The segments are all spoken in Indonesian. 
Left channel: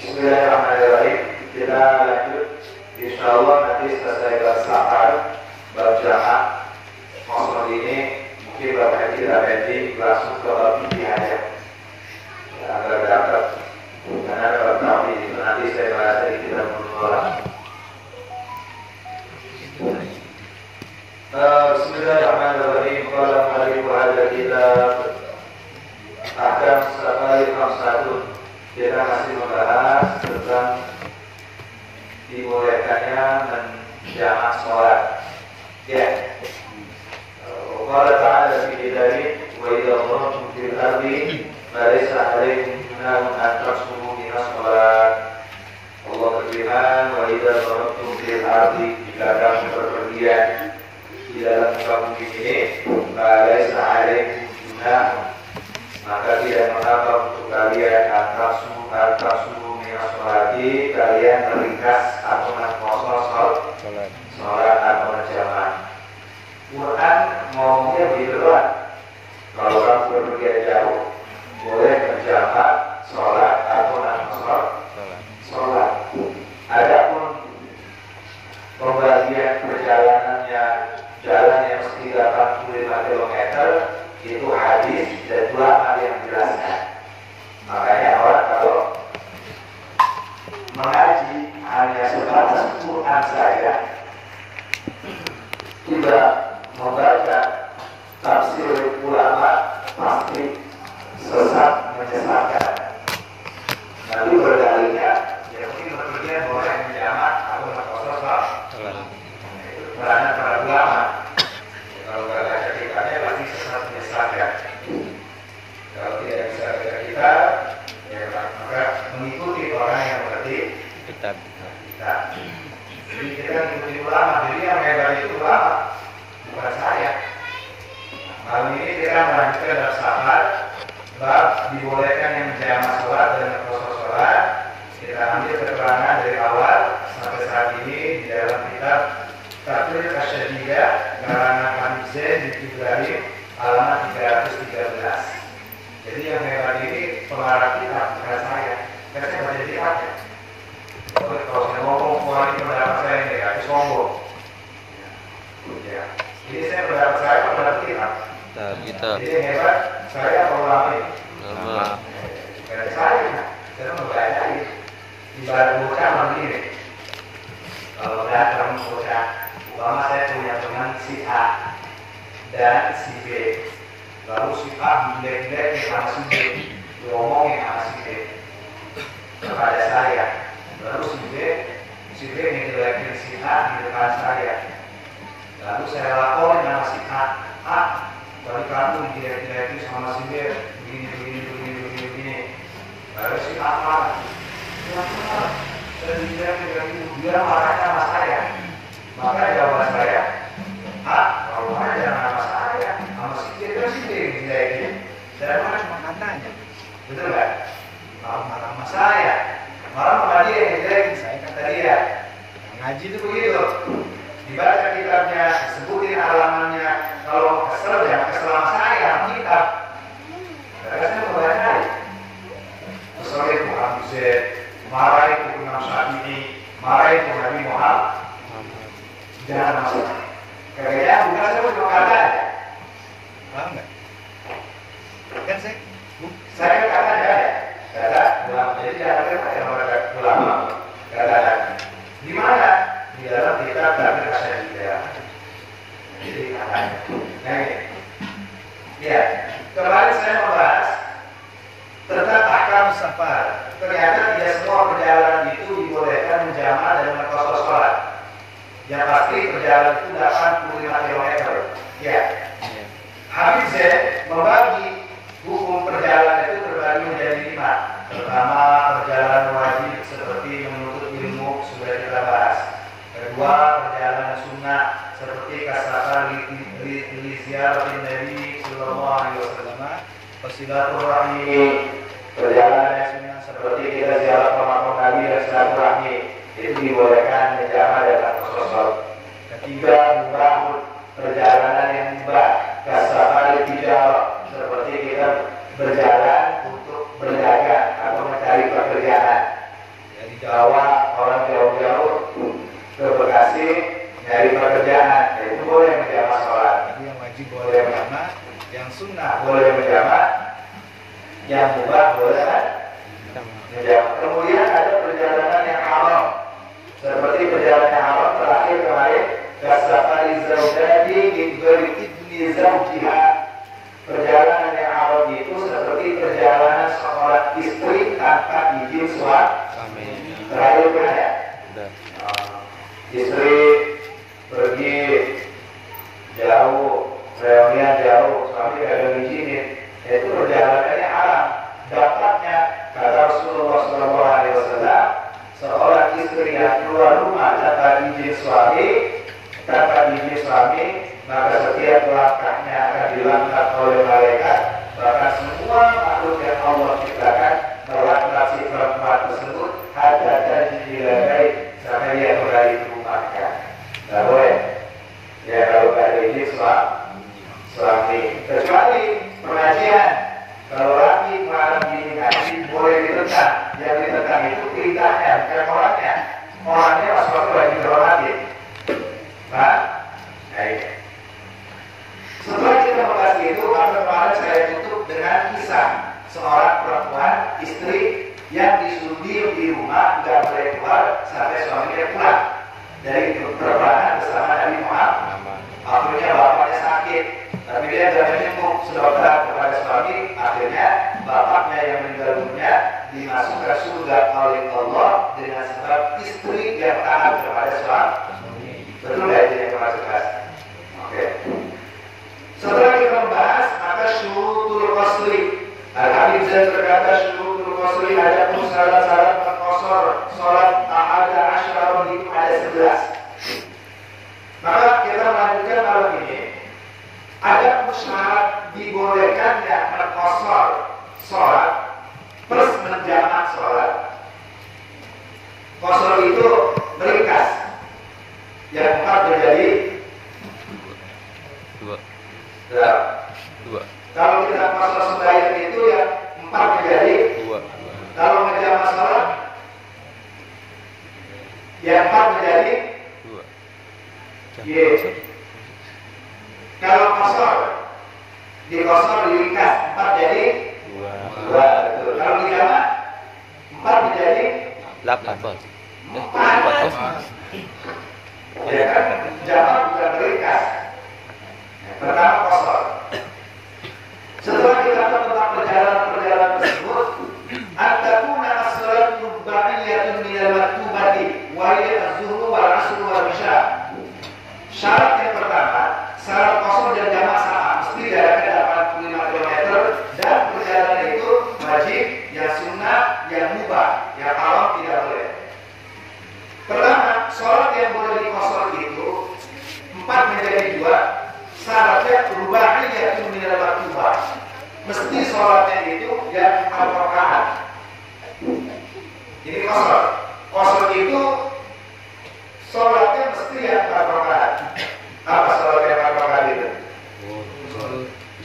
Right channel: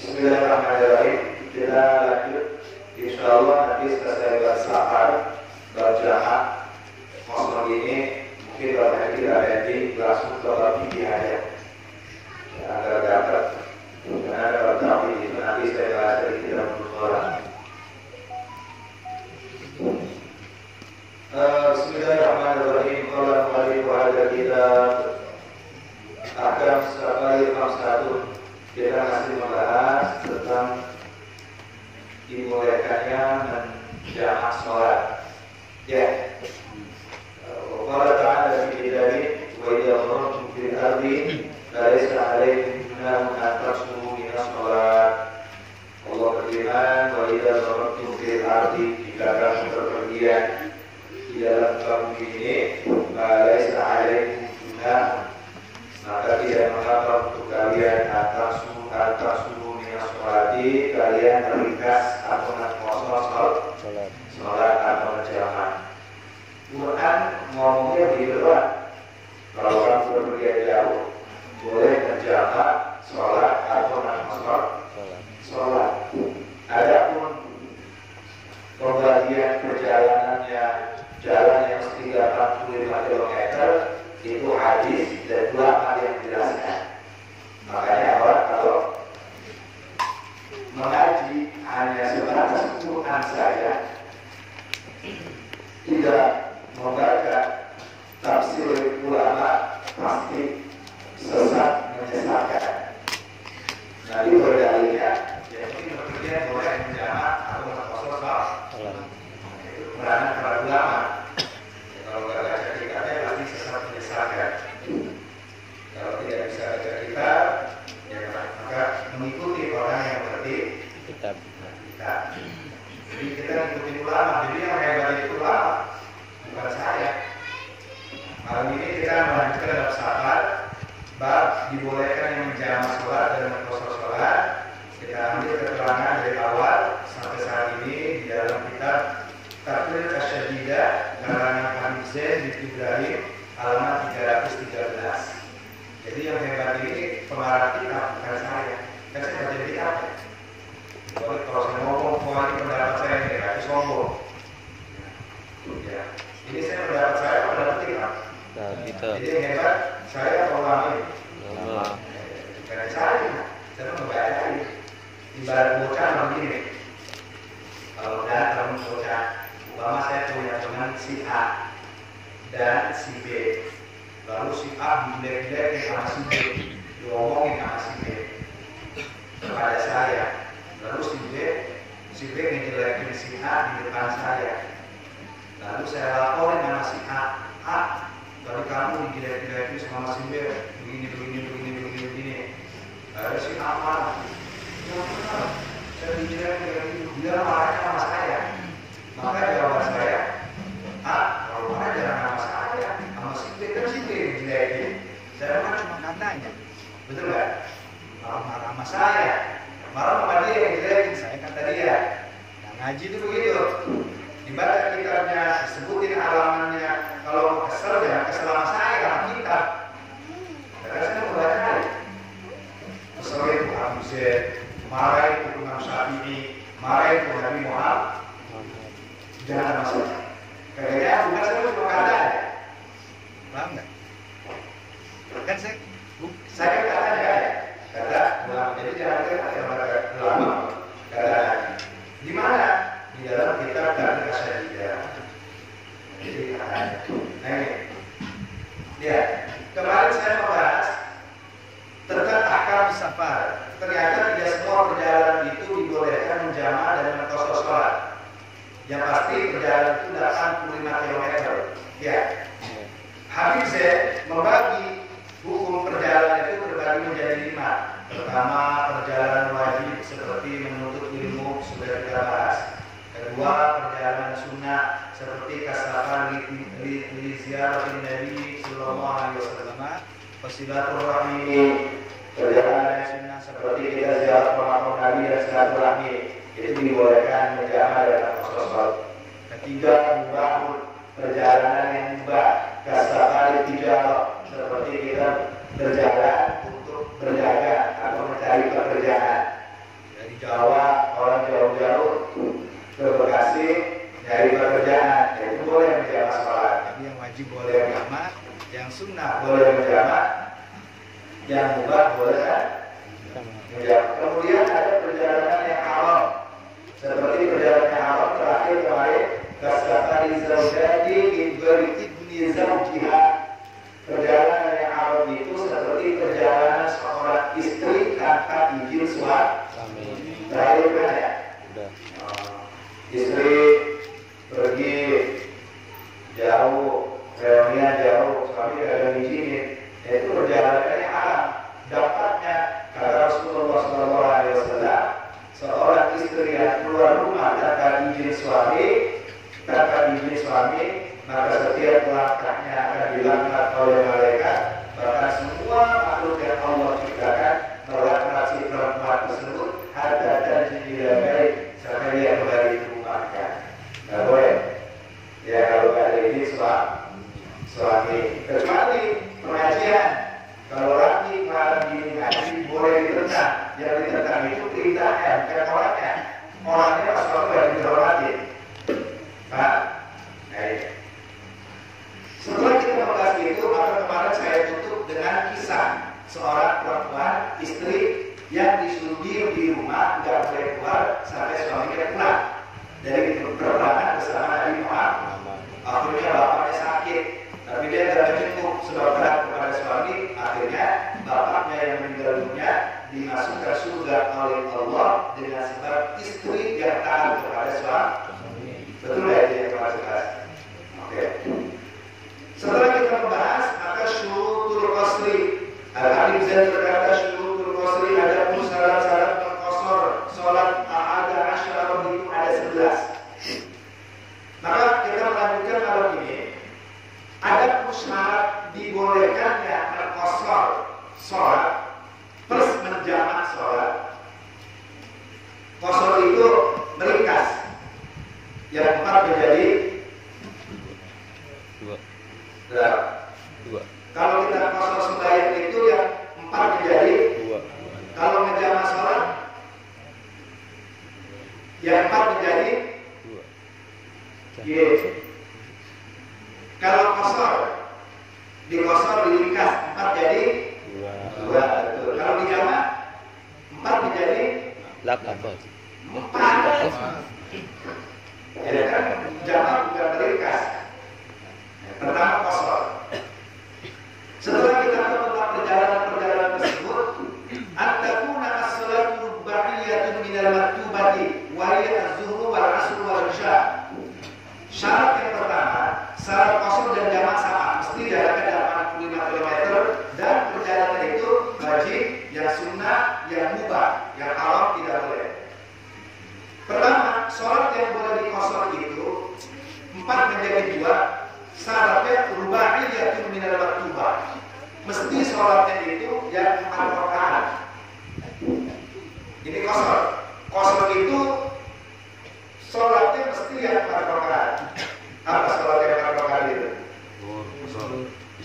Bismillahirrahmanirrahim. Kita lanjut. Insyaallah nanti selesai bab safar, bab jamak. Maksud ini mungkin bab haji tidak pending, langsung ke bab fikih aja. Agar dapat. Karena kalau tahu itu nanti saya bahas dari kita menolak. Bismillahirrahmanirrahim. Qala mu'allif al-kitab Ahkam Salawat Khamsatun. Kita masih membahas tentang dibolehkannya menjamak sholat. Ya. Allah Ta'ala fi dzalik wa idza dharabtum fil ardi falaysa 'alaykum junahun an taqsuru min as-sholat. Allah berfirman, wa idza dharabtum fil ardi, jika kamu berpergian di dalam bumi ini, falaysa 'alaykum junahun, maka tidak mengapa untuk kalian atas minyak sholati, kalian meringkas atau menposo sholat atau menjamak. Quran ngomongnya begitu doang. Kalau kamu berpergian jauh, boleh menjamak sholat atau menposo sholat. Adapun pembagian perjalanannya jalan yang mesti 85 km itu hadis dan ulama yang menjelaskan. Makanya orang kalau mengaji hanya sebatas Quran saja, tidak membaca tafsir ulama, pasti sesat menyesatkan. Nanti berdalilnya ya mungkin berpergian boleh menjamak atau menposo sholat. Karena para ulama kalau nggak baca kitabnya pasti sesat menyesatkan. Kalau tidak bisa baca kitab, ya maka mengikuti orang yang mengerti kitab. Jadi kita mengikuti ulama. Jadi yang hebat itu ulama, bukan saya. Kali ini kita melanjutkan bab safar, bab dibolehkan yang menjamak sholat dan menposo sholat. Kita ambil keterangan dari awal sampai saat ini di dalam kitab Tafsir Asyadidah karangan Habib Zain bin Ibrahim halaman 313. Jadi yang hebat ini pengarang kitab bukan saya. Saya baca di kitabnya. Kalau saya ngomong semua ini pendapat saya ini berarti sombong. Ya. Ini saya pendapat saya pendapat kitab. Jadi yang hebat saya ulama ini. Karena saya membaca ini. Ibarat bocah begini. Kalau datang bocah, umpama saya punya teman si A dan si B, lalu si A bilek-bilek sama si B, ngomongin sama si B kepada saya, lalu si B ngejelekin si A di depan saya, lalu saya laporin sama si A, tadi kamu dijelek-jelekin sama si B, begini, lalu si A marah, dia marahnya sama saya. Maka jawaban saya, kalau marah jangan sama saya, sama si B ini. Saya marah cuma katanya, betul nggak? Kalau marah sama saya, marah sama dia yang jelekin saya kata dia. Ngaji itu begitu. Dibaca kitabnya, sebutin alamannya. Kalau kesel jangan kesel sama saya, sama kitab. Karena saya mau baca. Keselnya itu Abu Zaid, marah itu Imam Syafi'i, marah itu Nabi Muhammad. Jangan masalah. Kayaknya bukan saya cuma kata aja. Paham nggak? Kan saya kata aja. Kata ulama. Jadi jangan kata ulama. Kata di mana? Di dalam kitab Tafsir Asyadidah. Jadi kata aja. Nah ini. Ya. Kemarin saya membahas tentang ahkam safar. Ternyata tidak semua perjalanan itu dibolehkan menjamak dan menposo sholat. Yang pasti perjalanan itu 85 km. Ya. Habib Zain membagi hukum perjalanan itu terbagi menjadi 5. Pertama, perjalanan wajib seperti menuntut ilmu sudah kita bahas. Kedua, perjalanan sunnah seperti kasafar li ziaratin Nabi sallallahu alaihi wasallam, silaturahmi. Perjalanan sunnah seperti kita ziarah ke makam Nabi dan silaturahmi. Itu dibolehkan menjamak dan menposo sholat. Ketiga, mubahun, perjalanan yang mubah, kasafar tijarah, seperti kita berjalan untuk berdagang atau mencari pekerjaan. Jawa, orang jauh-jauh ke Bekasi nyari pekerjaan, itu boleh menjamak sholat. Jadi yang wajib boleh menjamak, yang sunnah boleh menjamak, yang mubah boleh kan? Menjamak. Kemudian ada perjalanan yang haram, seperti perjalanan yang haram terakhir kemarin, kasafari zaujati diberi idni zaujiha. Perjalanan yang haram itu seperti perjalanan seorang istri tanpa izin suami. Terakhir pernah ya? Istri pergi jauh, reunian jauh, suami kagak ngizinin, itu perjalanannya haram. Dapatnya kata Rasulullah SAW, seorang istri yang keluar rumah tanpa izin suami, maka setiap langkahnya akan dilangkah oleh malaikat. Bahkan semua makhluk yang Allah ciptakan melaknat si perempuan tersebut ada janji sampai dia kembali ke rumahnya. Tidak boleh. Ya kalau ada izin suami, kecuali pengajian. Kalau lagi malam ini ngaji boleh ditentang. Yang ditentang itu perintahnya, bukan orangnya. Orangnya pas waktu lagi dihormati. Nah, ini. Setelah kita membahas itu, kemarin saya tutup dengan kisah seorang perempuan istri yang disuruh diam di rumah, tidak boleh keluar sampai suaminya pulang dari peperangan bersama Nabi Muhammad. Akhirnya bapaknya sakit, tapi dia tidak menyembuh, sedokter kepada suami. Akhirnya bapaknya yang meninggal dunia dimasukkan surga oleh Allah dengan sebab istri yang taat kepada suami. Betul ya ini yang termasuk. Oke. Setelah kita membahas, maka syurutul qasri. Al-Habib Zain berkata syurutul qasri ada pun syarat-syarat berqasar. Salat ada asyara itu ada 11. Maka kita melanjutkan malam ini. Ada pun syarat dibolehkannya berqasar salat plus menjamak salat. Qasar itu meringkas. Yang 4 menjadi 2. Kalau kita qasar sembahyang itu yang 4 menjadi 2. Kalau menjamak salat yang 4 menjadi 2. Kalau qasar diringkas 4 jadi 2. Betul. Kalau dijamak 4 menjadi 8. 4. Ya kan, jamak bukan meringkas. Pertama qasar. Setelah kita tentang perjalanan tersebut, at-takuna as-salatu ba'iyatun minal maktubati wa hiya az-zuhru wal 'asru wal isya. Syarat yang pertama, syarat qasar dan jamak sama, mesti jaraknya 85 km dan perjalanan itu wajib, yang sunnah, yang mubah, yang haram tidak boleh. Pertama, sholat yang boleh diqasar itu 4 menjadi 2. Syaratnya rubaiyatun minal maktubah. Mesti sholatnya itu yang 4 rakaat. Jadi qasar. Qasar itu sholatnya mesti yang 4 rakaat. Apa sholat yang 4 rakaat itu?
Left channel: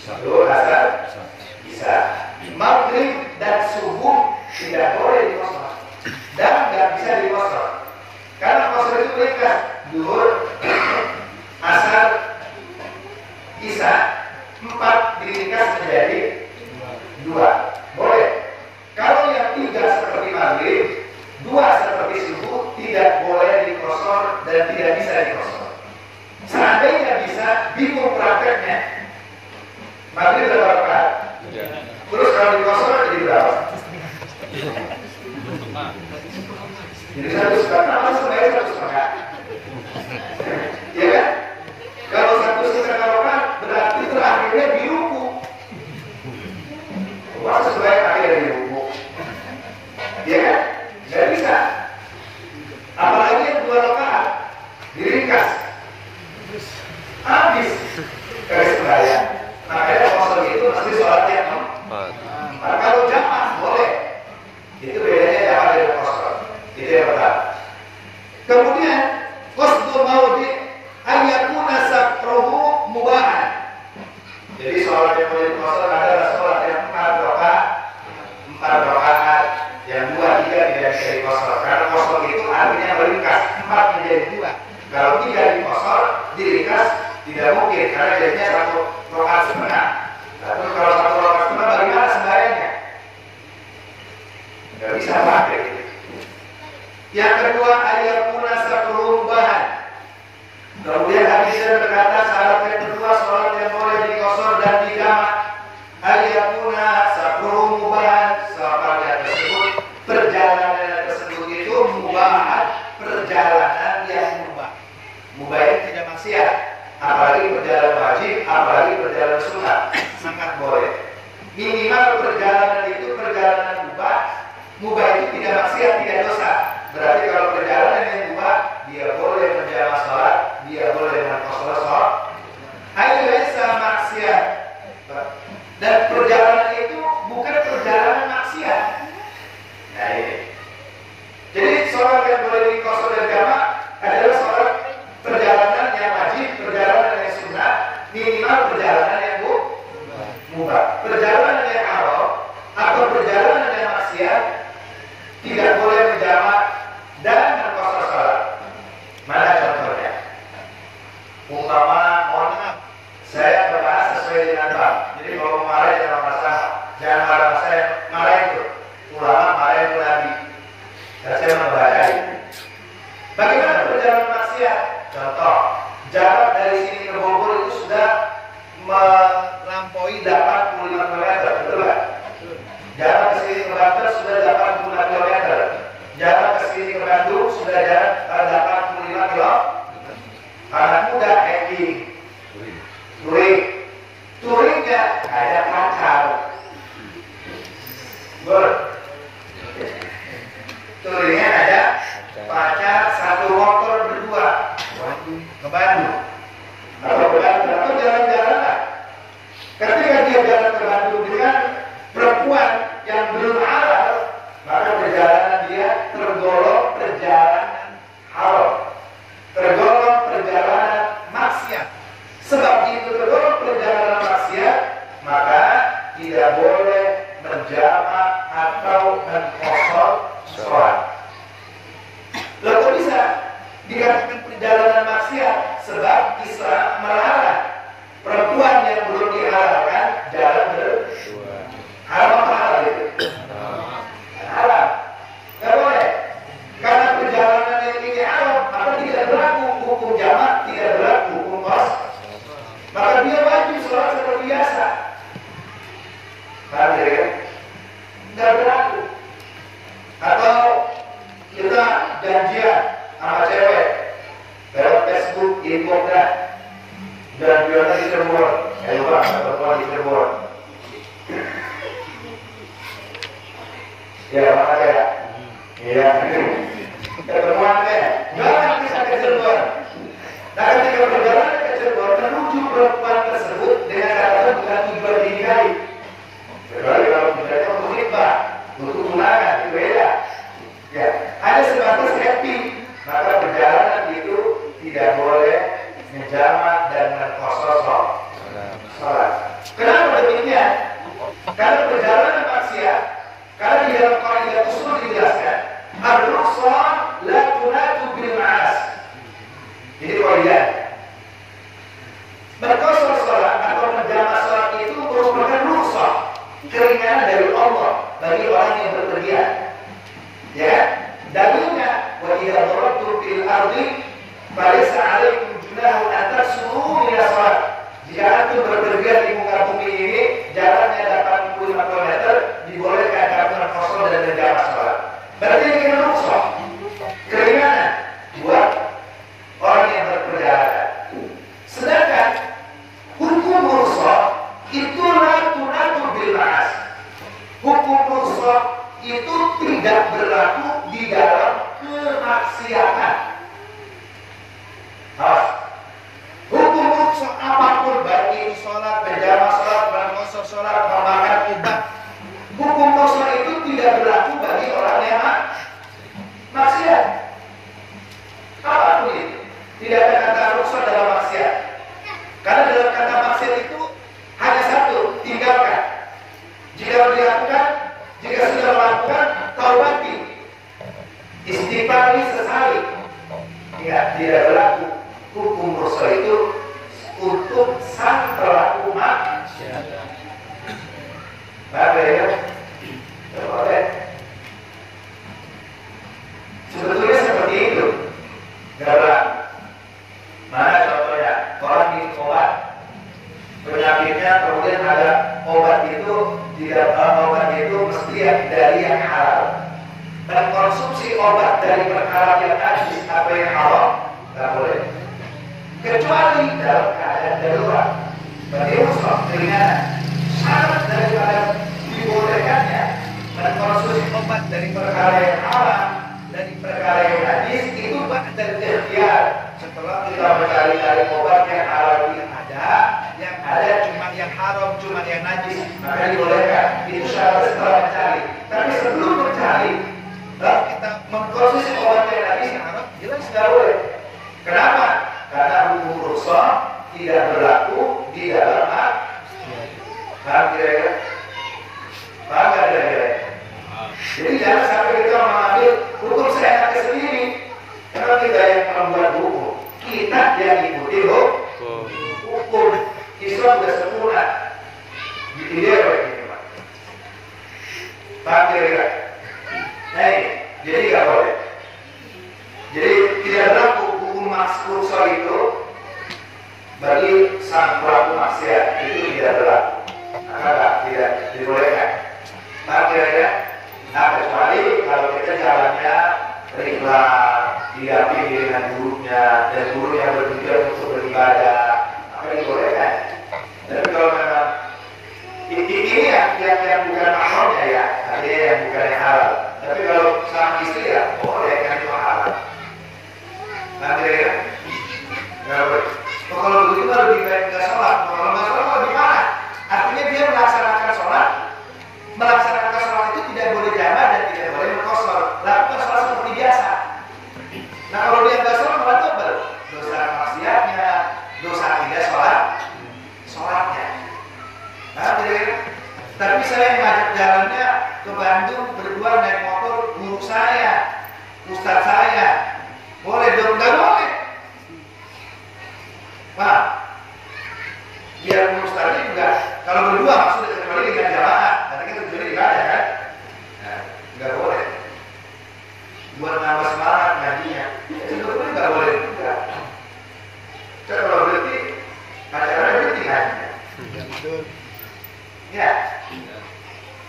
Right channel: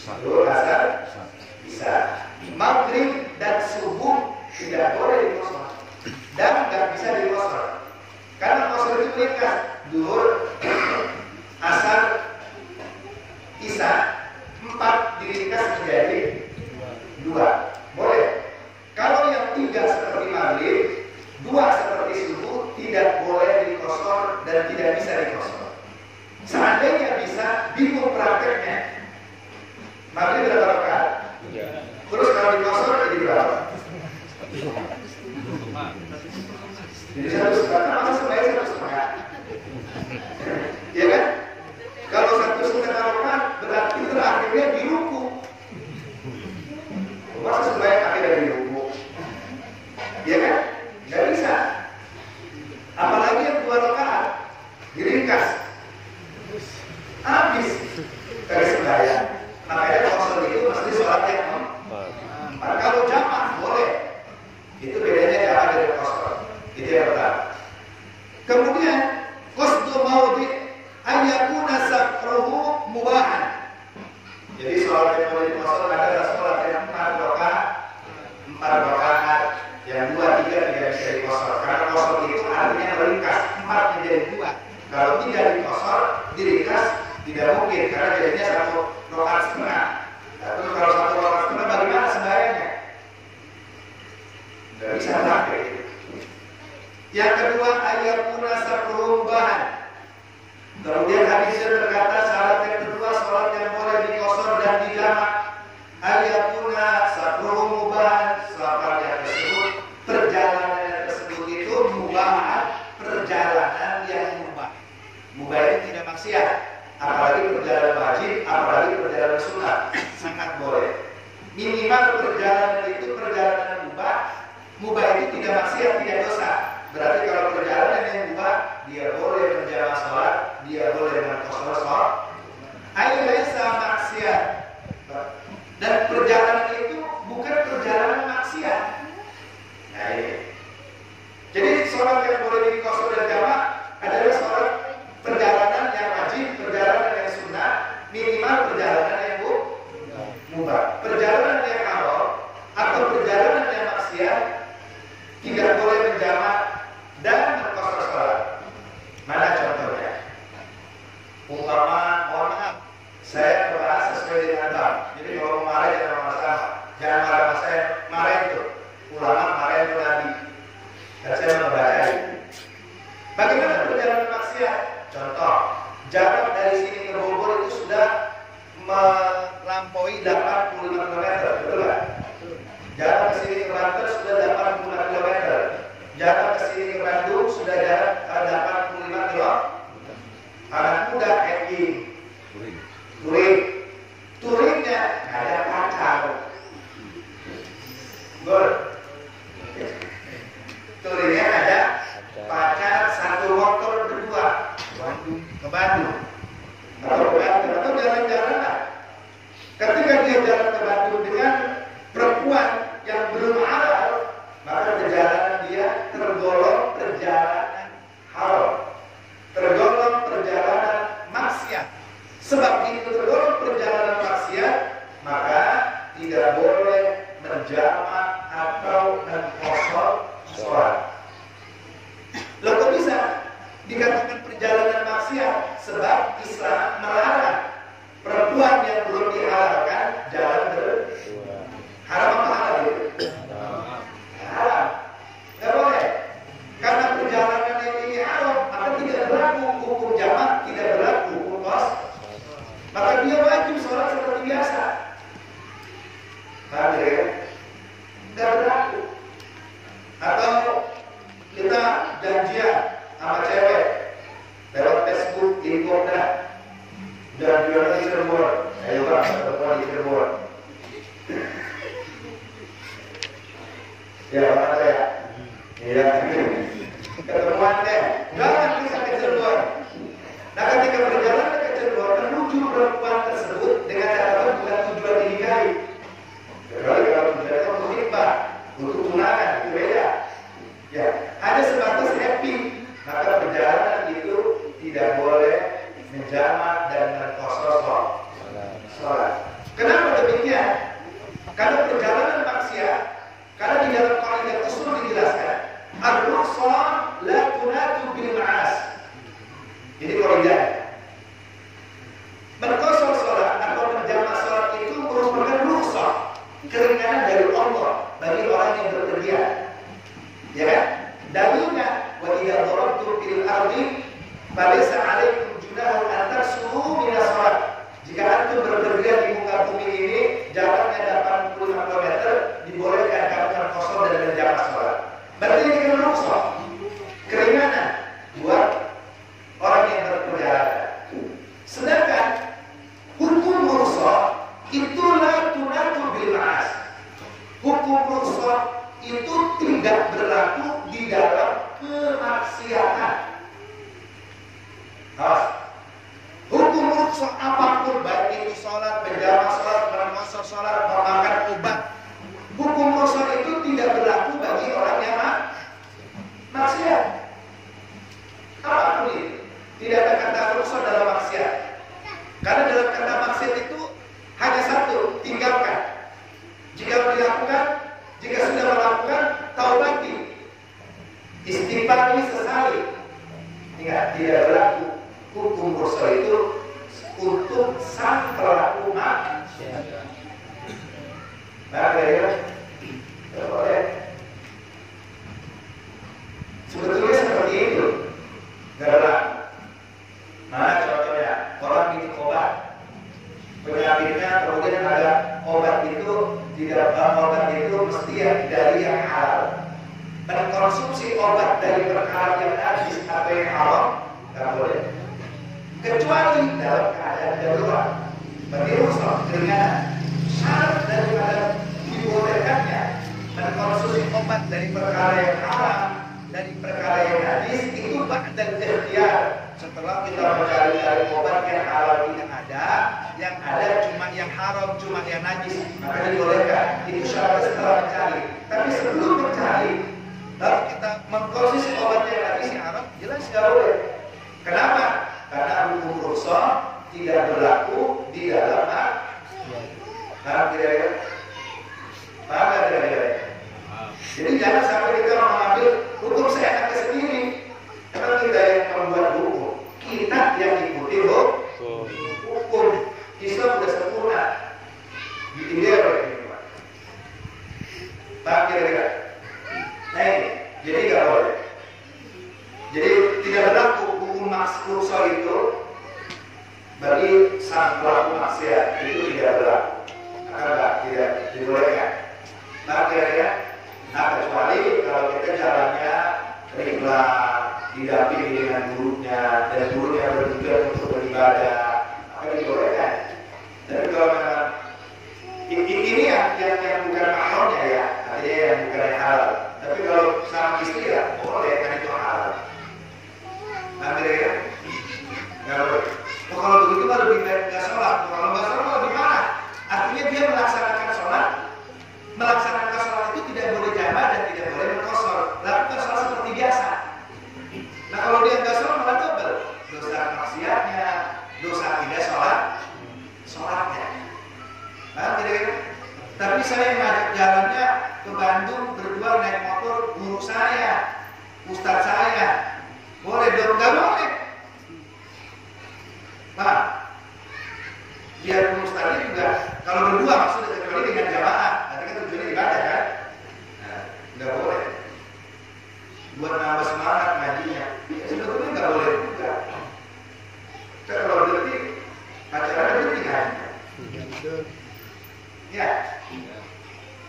Zuhur, asar, isya. Maghrib dan subuh tidak boleh diqasar dan tidak bisa diqasar. Karena qasar itu ringkas. Zuhur, asar, isya 4 diringkas menjadi 2. Boleh. Kalau yang 3 seperti maghrib, 2 seperti subuh tidak boleh diqasar dan tidak bisa diqasar. Seandainya bisa, bingung prakteknya. Maghrib berapa rakaat? Terus kalau diqasar jadi berapa? Jadi 100 sebaiknya 100 rakaat. Ya kan? Kalau 100 rakaat berarti terakhirnya di ruku. Masa sebaik akhirnya di ruku? Ya kan? Nggak bisa. Apalagi yang 2 rakaat diringkas, habis garis sembahyang. Makanya qasar itu mesti sholatnya 4. Kalau jamaah boleh. Itu bedanya jamaah dari qasar. Itu yang pertama. Kemudian qasdul maudi ayyakuna safruhu mubahan. Jadi sholat yang boleh diqasar adalah sholat yang 4 rakaat, yang 2, 3 tidak jadi kosor. Karena kosor itu artinya meringkas, 4 menjadi 2. Kalau 3 dikosor, diringkas tidak mungkin karena jadinya 1 rakaat setengah. Nah, terus kalau 1 rakaat setengah bagaimana sembahyangnya? Nggak bisa pakai. Yang kedua, ayakuna sakrumbahan. Kemudian hadisnya berkata syarat yang kedua sholat yang boleh dikosor dan dijamak. Ayakuna sakrumbahan. Sholat yang tersebut, perjalanan tersebut itu mubahan, perjalanan yang mubah. Mubah itu tidak maksiat. Apalagi perjalanan wajib, apalagi perjalanan sunat, sangat boleh. Minimal perjalanan itu perjalanan mubah. Mubah itu tidak maksiat, tidak dosa. Berarti kalau perjalanan yang mubah, dia boleh menjamak sholat, dia boleh mengkosor sholat. Laisa maksiat. Dan perjalanan itu bukan perjalanan maksiat. Nah ini. Jadi sholat yang boleh dikosor dan jamak adalah sholat perjalanan yang wajib, perjalanan yang sunnah, minimal perjalanan yang mubah. Perjalanan yang haram atau perjalanan yang maksiat tidak boleh menjamak dan mengkosor sholat. Mana contohnya? Umpama, mohon maaf, saya berbahas sesuai dengan bab. Jadi kalau mau marah jangan masalah, jangan marah saya, marah itu. Ulama marah itu Nabi. Dan saya membaca itu. Bagaimana perjalanan maksiat? Contoh, jarak dari sini ke Bogor itu sudah melampaui 85 km, betul tak? Jarak ke sini ke Banten sudah 85 km. Jarak ke sini ke Bandung sudah jarak 85 km. Anak muda hiking, touringnya ada pacar, touringnya ada pacar, 1 motor berdua ke Bandung. Atau jalan-jalan. Ketika dia jalan ke Bandung dengan perempuan yang belum halal, maka perjalanan dia tergolong perjalanan haram, tergolong perjalanan maksiat. Sebab itu tergolong perjalanan maksiat, maka tidak boleh menjamak atau mengkosor sholat. Lalu kok bisa dikatakan perjalanan maksiat? Sebab Islam melarang perempuan yang belum dihalalkan jalan berdua. Haram apa halal itu? Haram. Tidak boleh. Karena perjalanan yang ini haram, maka tidak berlaku hukum jamak, tidak berlaku hukum kos. Maka dia wajib sholat seperti biasa. Paham ya? Tidak berlaku. Atau kita janjian sama cewek lewat Facebook, Instagram, dan jualan di Cirebon. Ayo Pak, pertemuan di Cirebon. Ya, mana ya? Iya. Ketemuan ya. Jangan bisa ke Cirebon. Nah, ketika perjalanan ke Cirebon, menuju perempuan tersebut dengan catatan bukan tujuan dinikahi. Kecuali kalau tujuannya untuk khidbah, untuk tunangan, itu beda. Ya, ada sebatas happy. Maka perjalanan itu tidak boleh menjamak dan mengkosor sholat. Kenapa demikian? Karena perjalanan maksiat, karena di dalam kaidah usul dijelaskan, ar-rukhsah la tunatu bil ma'as. Jadi kaidah mengkosor sholat atau menjamak sholat itu merupakan rukhsah, keringanan dari Allah bagi orang yang berpergian. Ya, dalilnya wa idza darabtum fil ardi falaysa 'alaikum junahun an taksuru min as-shalah. Jika antum berpergian di muka bumi ini, jaraknya 85 km, dibolehkan kamu mengkosor dan menjamak sholat. Berarti ini kena rukhsah, keringanan buat orang yang berperjalanan. Sedangkan hukum rukhsah itu la tunatu bil ma'as. Hukum rukhsah itu tidak berlaku di dalam kemaksiatan. Hukum rukhsah apapun, baik itu sholat, berjamaah sholat, mengkosor sholat, memakan obat, hukum rukhsah itu tidak berlaku bagi orang yang maksiat. Apapun itu, tidak ada kata rukhsah dalam maksiat. Karena dalam kata maksiat itu hanya satu, tinggalkan. Jika dilakukan, jika sudah melakukan, taubati. Istighfari sesali. Ingat, tidak berlaku hukum rukhsah itu untuk sang pelaku maksiat. Maka ya, boleh. Sebetulnya seperti itu. Gak berlaku. Mana contohnya? Orang minum obat, penyakitnya kemudian ada obat itu tidak obat itu mesti dari yang halal. Dan konsumsi obat dari perkara yang najis apa yang haram nggak boleh. Kecuali dalam keadaan darurat. Berarti rukhsah keringanan. Syarat daripada dibolehkannya mengkonsumsi obat dari perkara yang haram dari perkara yang najis itu ba'dal ikhtiyar. Setelah kita mencari-cari obat yang halal tidak ada, yang ada cuma yang haram, cuma yang najis, maka dibolehkan. Itu syarat setelah mencari. Tapi sebelum mencari, kalau kita mengkonsumsi obat yang najis yang haram, jelas nggak boleh. Kenapa? Karena hukum rukhsah tidak berlaku di dalam paham kira-kira? Paham nggak kira-kira? Jadi jangan sampai kita mengambil hukum seenaknya sendiri. Karena kita yang membuat hukum, kita yang ikuti hukum. Islam sudah sempurna. Dia ini, Pak. Paham kira-kira? Nah ini, jadi nggak boleh. Jadi tidak berlaku hukum rukhsah itu bagi sang pelaku maksiat itu tidak berlaku. Maka tidak dibolehkan. Paham kira-kira? Nah kecuali kalau kita jalannya ringan, didampingi dengan gurunya dan gurunya bertujuan untuk beribadah, maka dibolehkan. Tapi kalau memang ini yang bukan mahramnya ya, ada yang bukan yang halal. Tapi kalau sama istri ya boleh kan itu halal. Nanti ya, nggak boleh. Kalau begitu kan lebih baik nggak sholat. Kalau nggak sholat lebih parah. Artinya dia melaksanakan sholat. Melaksanakan sholat itu tidak boleh jamak dan tidak boleh mengqashar. Lakukan sholat seperti biasa. Nah kalau dia nggak sholat malah double. Dosa maksiatnya, dosa tidak sholatnya. Nah kira-kira. Tapi saya ngajak jalannya ke Bandung berdua naik motor guru saya, ustadz saya. Boleh dong? Nggak boleh. Pak, biar ustadznya juga kalau berdua maksudnya kecuali dengan jamaah. Jadi nggak ada kan? Nah, nggak boleh. Buat nambah semangat ngajinya. Ya sebetulnya nggak boleh juga. Kalau berarti pacaran berarti ngajinya. Ya.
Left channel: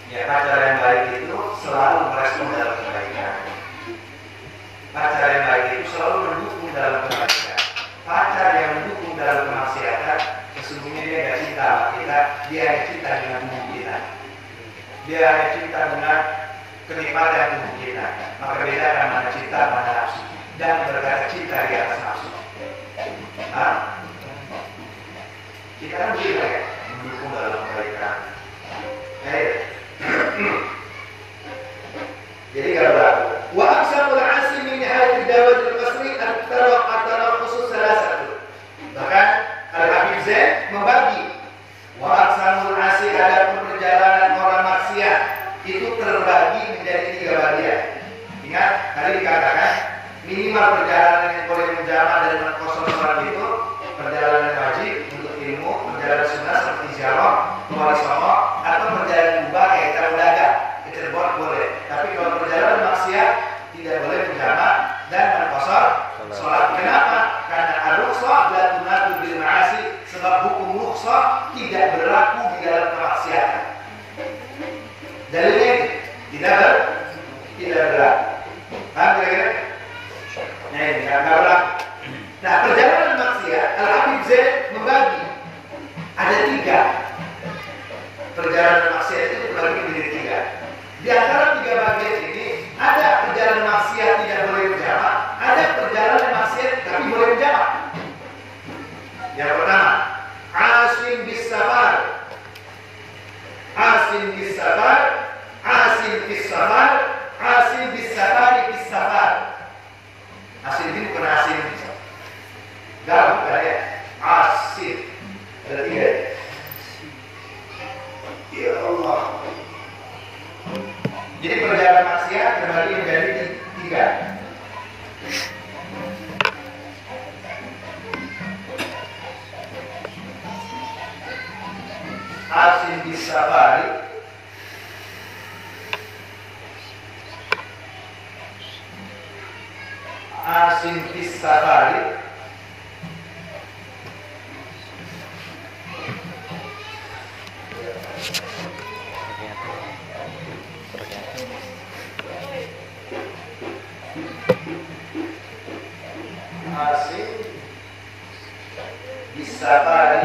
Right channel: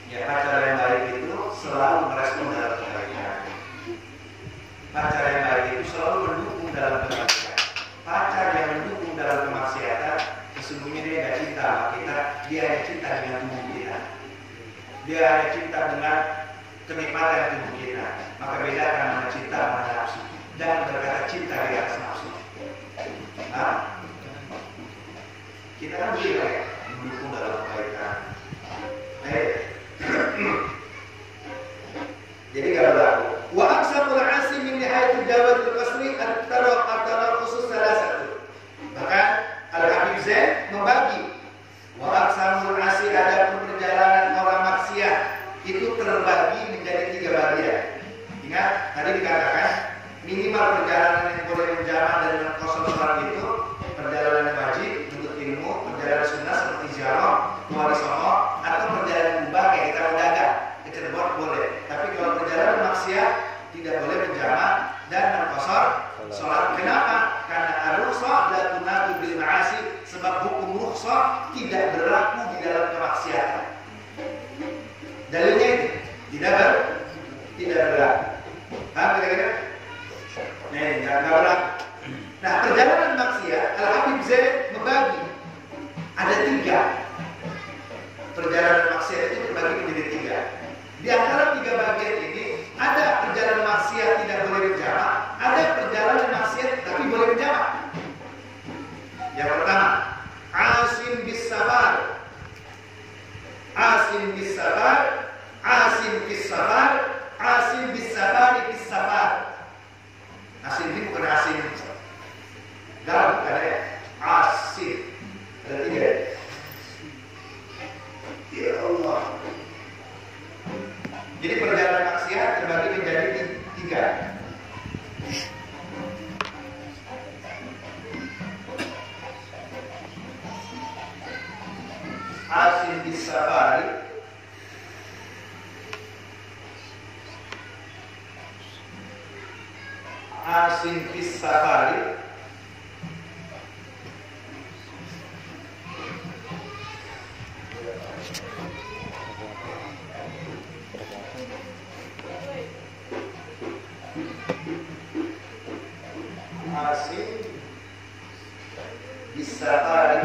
Ya pacar yang baik itu selalu merespon dalam kebaikan. Pacar yang baik itu selalu mendukung dalam kebaikan. Pacar yang mendukung dalam kemaksiatan, sesungguhnya dia nggak cinta sama kita, dia cinta dengan tubuh kita. Dia hanya cinta dengan kenikmatan tubuh kita. Maka bedakan mana cinta, mana nafsu. Dan berkata cinta di atas nafsu. Nah, kita kan begitu ya, mendukung dalam kebaikan. Jadi kalau berlaku. Wa aqsamul 'asim min nihayat ad-dawat al-qasri at-taraq khusus salah satu. Bahkan Al-Habib Zain membagi wa aqsamul 'asim ada perjalanan orang maksiat itu terbagi menjadi 3 bagian. Ingat tadi dikatakan minimal perjalanan yang boleh menjamak dan mengkosong sholat itu perjalanan wajib untuk ilmu, perjalanan sunnah seperti ziarah, wali songo, atau perjalanan mubah kayak kita berdagang, ke Cirebon boleh. Tapi kalau perjalanan maksiat tidak boleh menjamak dan mengkosor sholat. Kenapa? Karena al-rukhsah la tunatu bil ma'asi, sebab hukum rukhsah tidak berlaku di dalam kemaksiatan. Dalilnya tidak berlaku. Paham kira-kira? Nah ini nggak berlaku. Nah perjalanan maksiat Al-Habib Zain membagi ada 3. Perjalanan maksiat itu terbagi menjadi 3. Di antara 3 bagian ini ada perjalanan maksiat tidak boleh berjamak, ada perjalanan maksiat tapi boleh berjamak. Yang pertama, asim bis safar, asim bis safar, asim bis safar, asim bis safari bis safar. Asim ini bukan asim dalam bukan ya, asim ada 3. Ya Allah. Di asin fis safari asin bis safari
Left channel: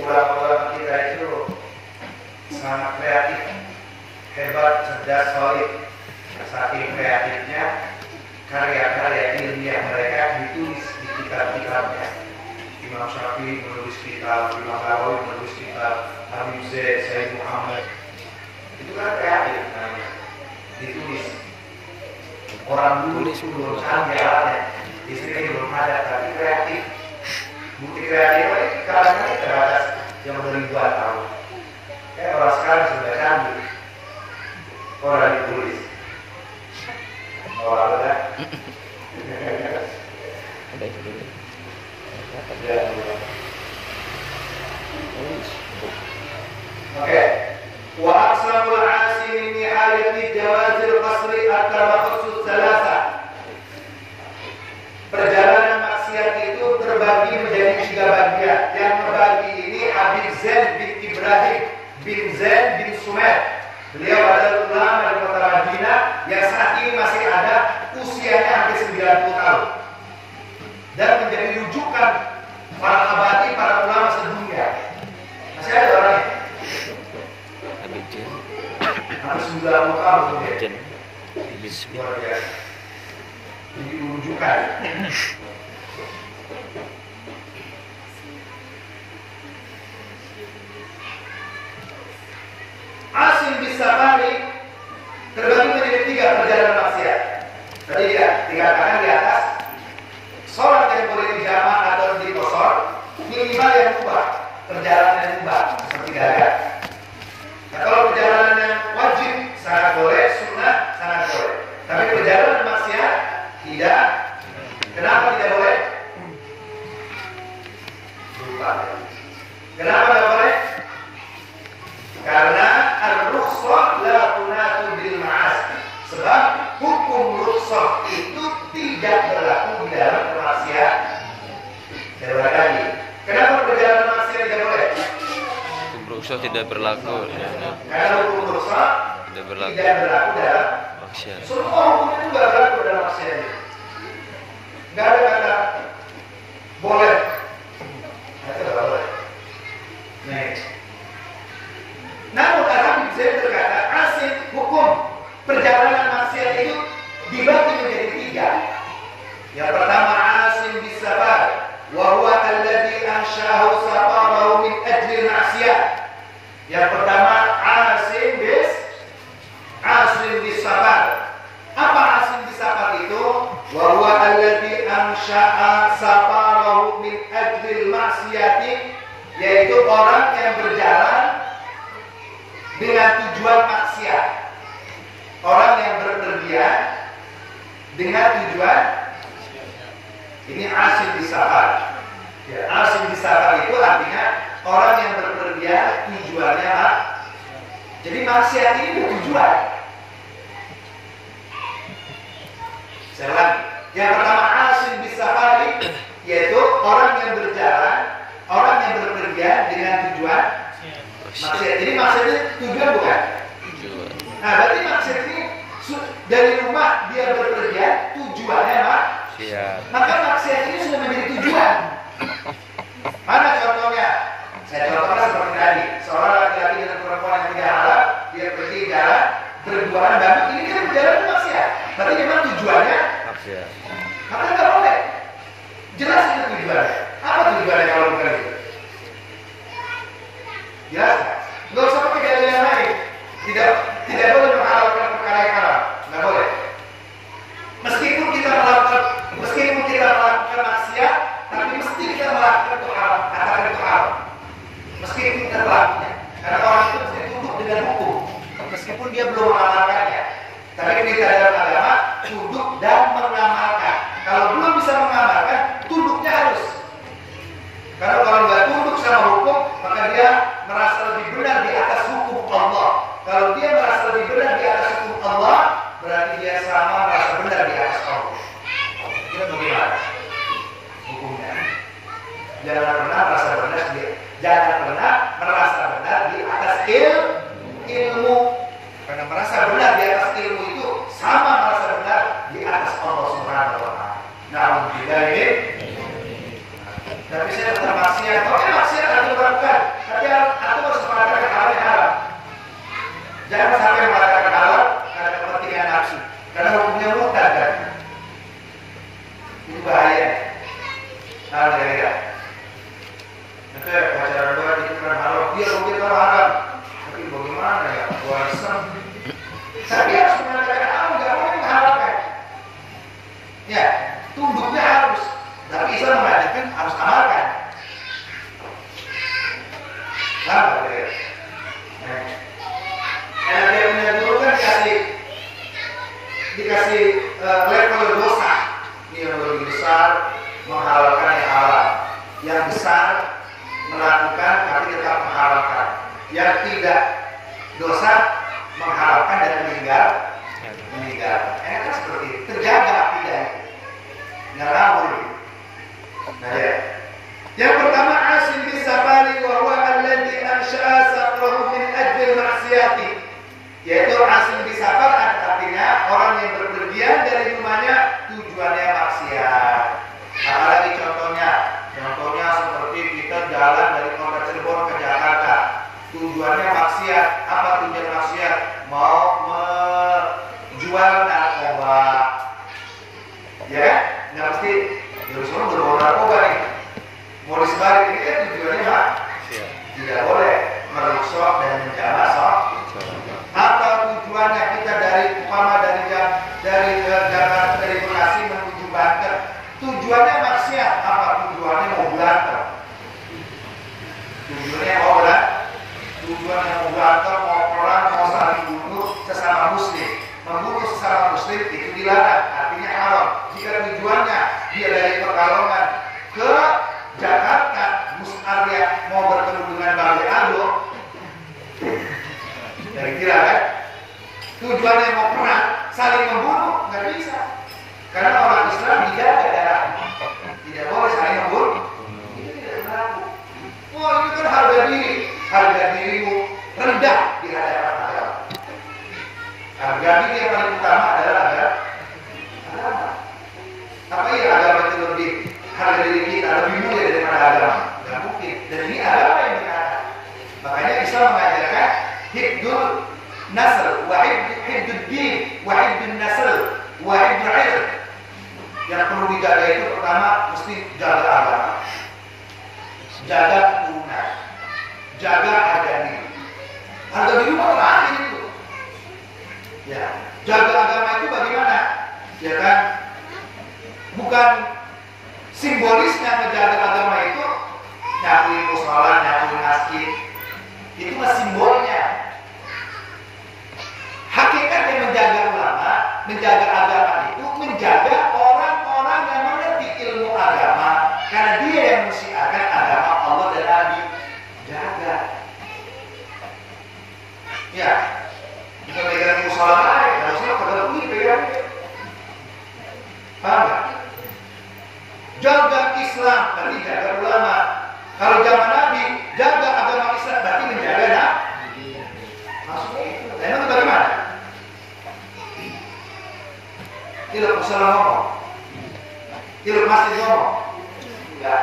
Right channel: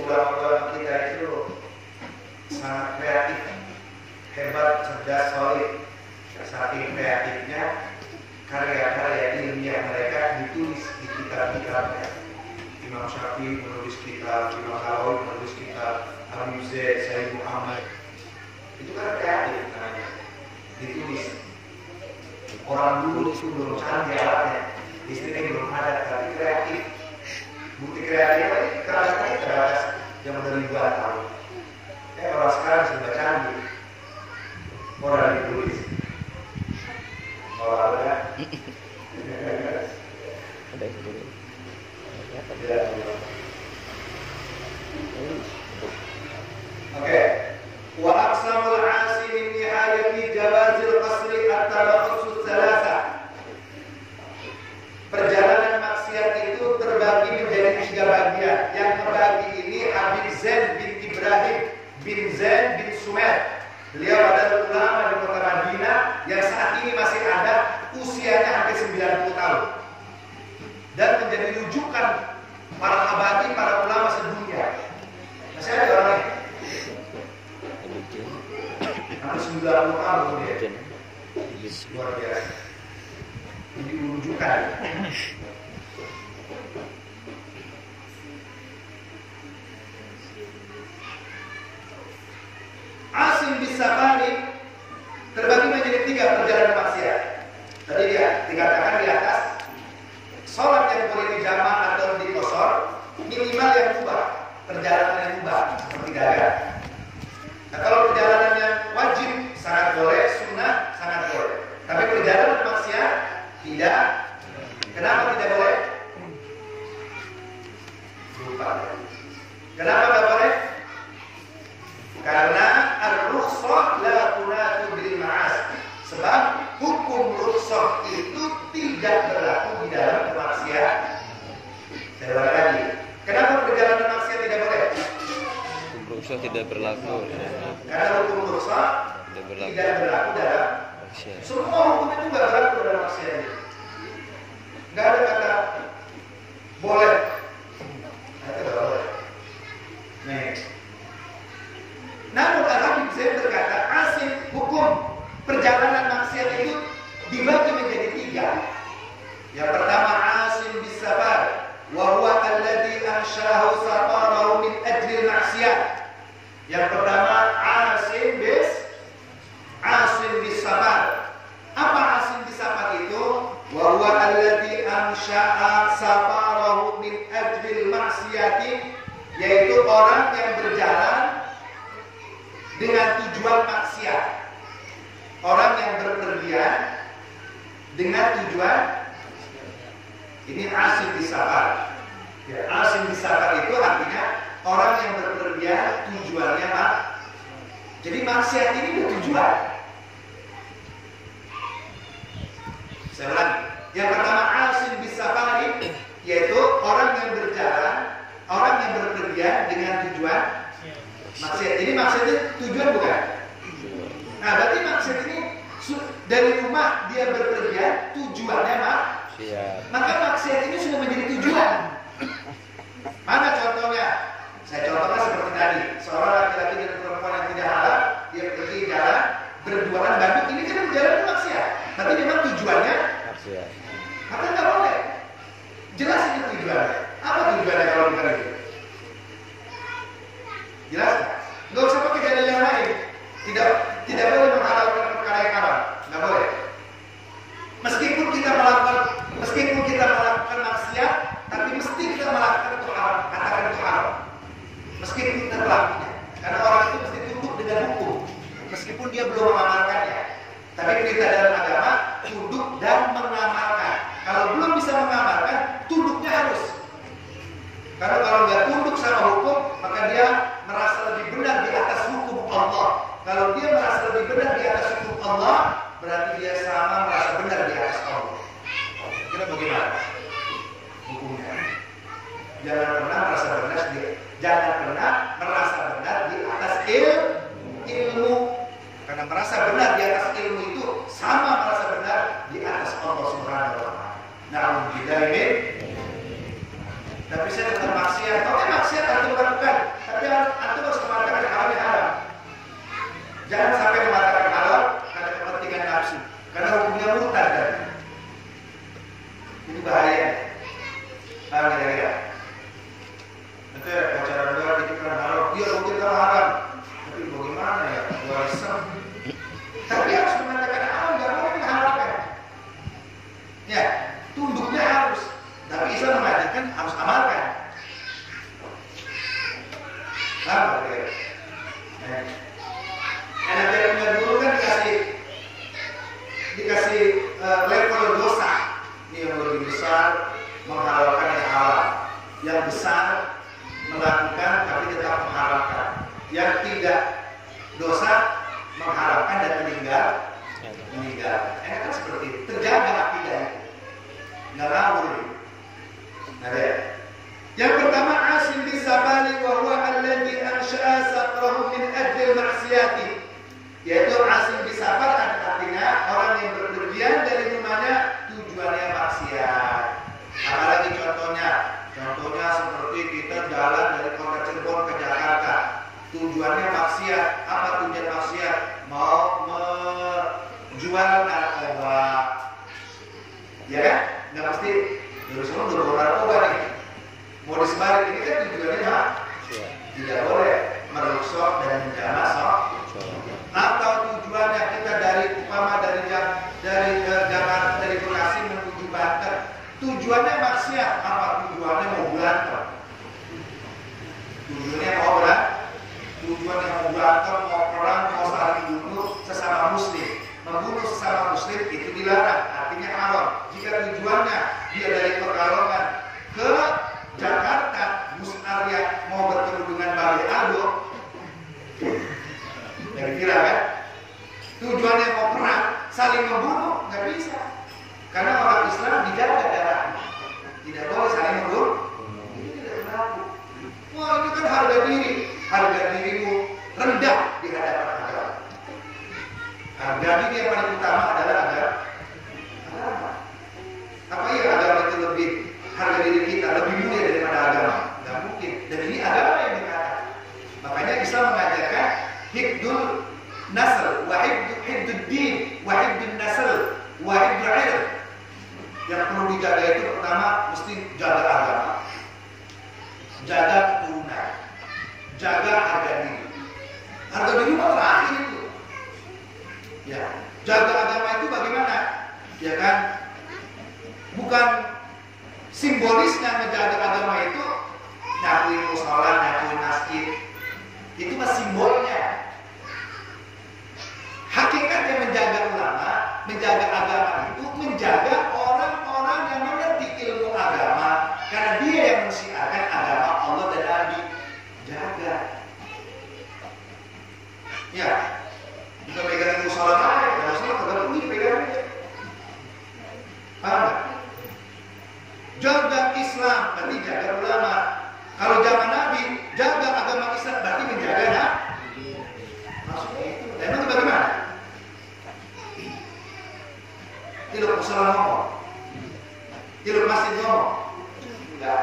ulama-ulama kita itu sangat kreatif, hebat, cerdas, solid. Saking kreatifnya, karya-karya ilmiah mereka ditulis di kitab-kitabnya. Imam Syafi'i menulis kitab, Imam Nawawi menulis kitab, Habib Zaid, Sayyid Muhammad. Itu kan kreatif namanya, ditulis. Orang dulu belum canggih alatnya, istrinya belum ada, tapi kreatif. Bukti kreatifnya itu kadang-kadang terbatas yang beribuan tahun. Orang sekarang sudah canggih, orang ditulis. Orang ada. Oke. Wa aqsamul 'asi min nihayati jawazil qasri at-tabakhus thalatha. Perjalanan maksiat itu terbagi menjadi 3 bagian. Yang terbagi ini Habib Zaid bin Ibrahim bin Zaid bin Sumer. Beliau adalah ulama di kota Madinah yang saat ini masih ada, usianya hampir 90 tahun. Dan menjadi rujukan para abadi, para ulama sedunia. Masih ada orangnya. Hampir 90 tahun dia. Luar biasa. Ini rujukan. Asim bis safari terbagi menjadi 3 perjalanan maksiat. Tadi dia dikatakan di atas, sholat yang boleh dijama atau diqashar minimal yang mubah, perjalanan yang mubah seperti dagang. Nah, kalau perjalanan yang wajib sangat boleh, sunnah sangat boleh. Tapi perjalanan maksiat tidak. Kenapa tidak boleh? Lupa. Kenapa tidak boleh? Karena ar-rukhsah la tunatu bil ma'asi. Sebab hukum rukhsah itu tidak berlaku di dalam maksiat. Saya ulang lagi. Kenapa perjalanan maksiat tidak boleh? Hukum rukhsah tidak berlaku. Karena hukum rukhsah tidak berlaku dalam maksiat. Semua hukum itu tidak berlaku dalam maksiat. Tidak ada kata boleh. Kata tidak boleh. Namun Al-Habib Zaid berkata, asing hukum perjalanan maksiat itu dibagi menjadi 3. Yang pertama asim bis safar, wa huwa alladhi anshahu safarahu min ajli maksiat. Yang pertama asim bis safar. Apa asim bis safar itu? Wa huwa alladhi ansha'a safarahu min ajli maksiati, yaitu orang yang berjalan dengan tujuan maksiat. Orang yang berpergian dengan tujuan ini asim bis safar. Ya, asim bis safar itu artinya orang yang berpergian tujuannya apa? Jadi maksiat ini bertujuan. Saya ulangi. Yang pertama asim bis safar yaitu orang yang berjalan, orang yang berpergian dengan tujuan maksiat. Ini maksudnya tujuan bukan? Tujuan. Nah, berarti maksiat ini dari rumah dia bekerja, tujuannya maksiat. Maka maksiat ini sudah menjadi tujuan. Mana contohnya? Saya contohkan seperti tadi, seorang laki-laki dengan perempuan yang tidak halal, dia pergi jalan berduaan bantu, ini kan perjalanan maksiat. Tapi memang tujuannya maksiat. Maka nggak boleh. Jelas itu tujuannya. Apa tujuannya kalau bukan itu? Jelas? Nggak usah pakai dalil yang lain. Tidak boleh menghalalkan perkara yang haram. Nggak boleh. Meskipun kita melakukan maksiat, tapi mesti kita melakukan itu haram. Katakan itu haram. Meskipun kita melakukannya. Karena orang maka dia merasa lebih benar di atas hukum Allah. Kalau dia merasa lebih benar di atas hukum Allah, berarti dia sama merasa benar di atas Allah. Kira bagaimana hukumnya? Jangan pernah merasa benar di atas ilmu. Karena merasa benar di atas ilmu itu sama merasa benar di atas Allah Subhanahu wa taala. Na'udzubillah. Tapi saya tetap maksiat. Oke, maksiat harus dilakukan. Tapi harus mengatakan hal yang haram. Jangan sampai mengatakan halal karena kepentingan nafsu. Karena hukumnya murtad kan. Itu bahaya. Nah, kira-kira. Nanti pacaran gue dikatakan halal, dia mungkin kalau haram. Tapi bagaimana ya? Gua iseng. Tapi harus mengatakan halal, nggak mau menghalalkan. Ya, tunduknya harus. Tapi Islam mengatakan harus amalkan. Apa kira-kira? Yang dulu kan dikasih level dosa. Ini yang lebih besar menghalalkan yang halal. Yang besar melakukan tapi tetap menghalalkan. Yang tidak dosa menghalalkan dan meninggal. Kan seperti itu. Terjaga akidah itu. Ngawur. Nah ya. Yang pertama Asim bin Sabali wa huwa alladhi ansha'a safrahu min ajli maksiati. Yaitu Asim bin Sabar artinya orang yang berpergian dari rumahnya tujuannya maksiat. Apalagi contohnya seperti kita jalan dari kota Cirebon ke Jakarta. Tujuannya maksiat. Apa tujuan maksiat? Mau menjual narkoba. Ya kan? Nggak mesti Yerusalem berbawa narkoba nih. Mau disebarin ini kan tujuannya maksiat. Tidak boleh merusak dan menjala sok. Atau tujuannya kita dari Jakarta dari Bekasi menuju Banten. Tujuannya maksiat. Apa tujuannya mau berantem? Tujuannya mau berantem, mau perang, mau saling bunuh sesama muslim. Membunuh sesama muslim itu dilarang, artinya haram. Jika tujuannya dia dari Pekalongan ke Jakarta, Gus Arya mau bertemu dengan Bali Aldo, kira-kira kan? Tujuannya mau perang, saling membunuh, nggak bisa. Karena orang Islam dijaga darahnya, tidak boleh saling membunuh. Ini tidak berlaku. Wah, ini kan harga dirimu rendah di hadapan agama. Harga diri yang paling utama adalah agama. Apa ya agama itu lebih harga diri kita lebih mulia daripada agama? Tidak mungkin. Dan ini agama yang mengatakan. Makanya Islam mengajarkan hibdul nasl, wa hibdul din, wa hibdul nasl, wa hibdul ilm. Yang perlu dijaga itu pertama mesti jaga agama, jaga keturunan, jaga harga diri. Harga diri terakhir itu. Ya, jaga agama itu bagaimana? Ya kan? Bukan simbolisnya menjaga agama itu nyakuin musola, nyakuin masjid. Itu mah simbolnya. Hakikatnya menjaga ulama, menjaga agama itu menjaga orang-orang yang mengerti ilmu agama, karena dia yang mensiarkan agama Allah dan Nabi. Jaga. Ya. Bukan pegang musola aja, harusnya pada pegang. Paham nggak? Jaga Islam, berarti jaga ulama. Kalau zaman Nabi, jaga agama Islam, berarti menjaga Nabi. Maksudnya itu. Emang bagaimana? Tidak musola ngomong, tidak masjid ngomong. Enggak.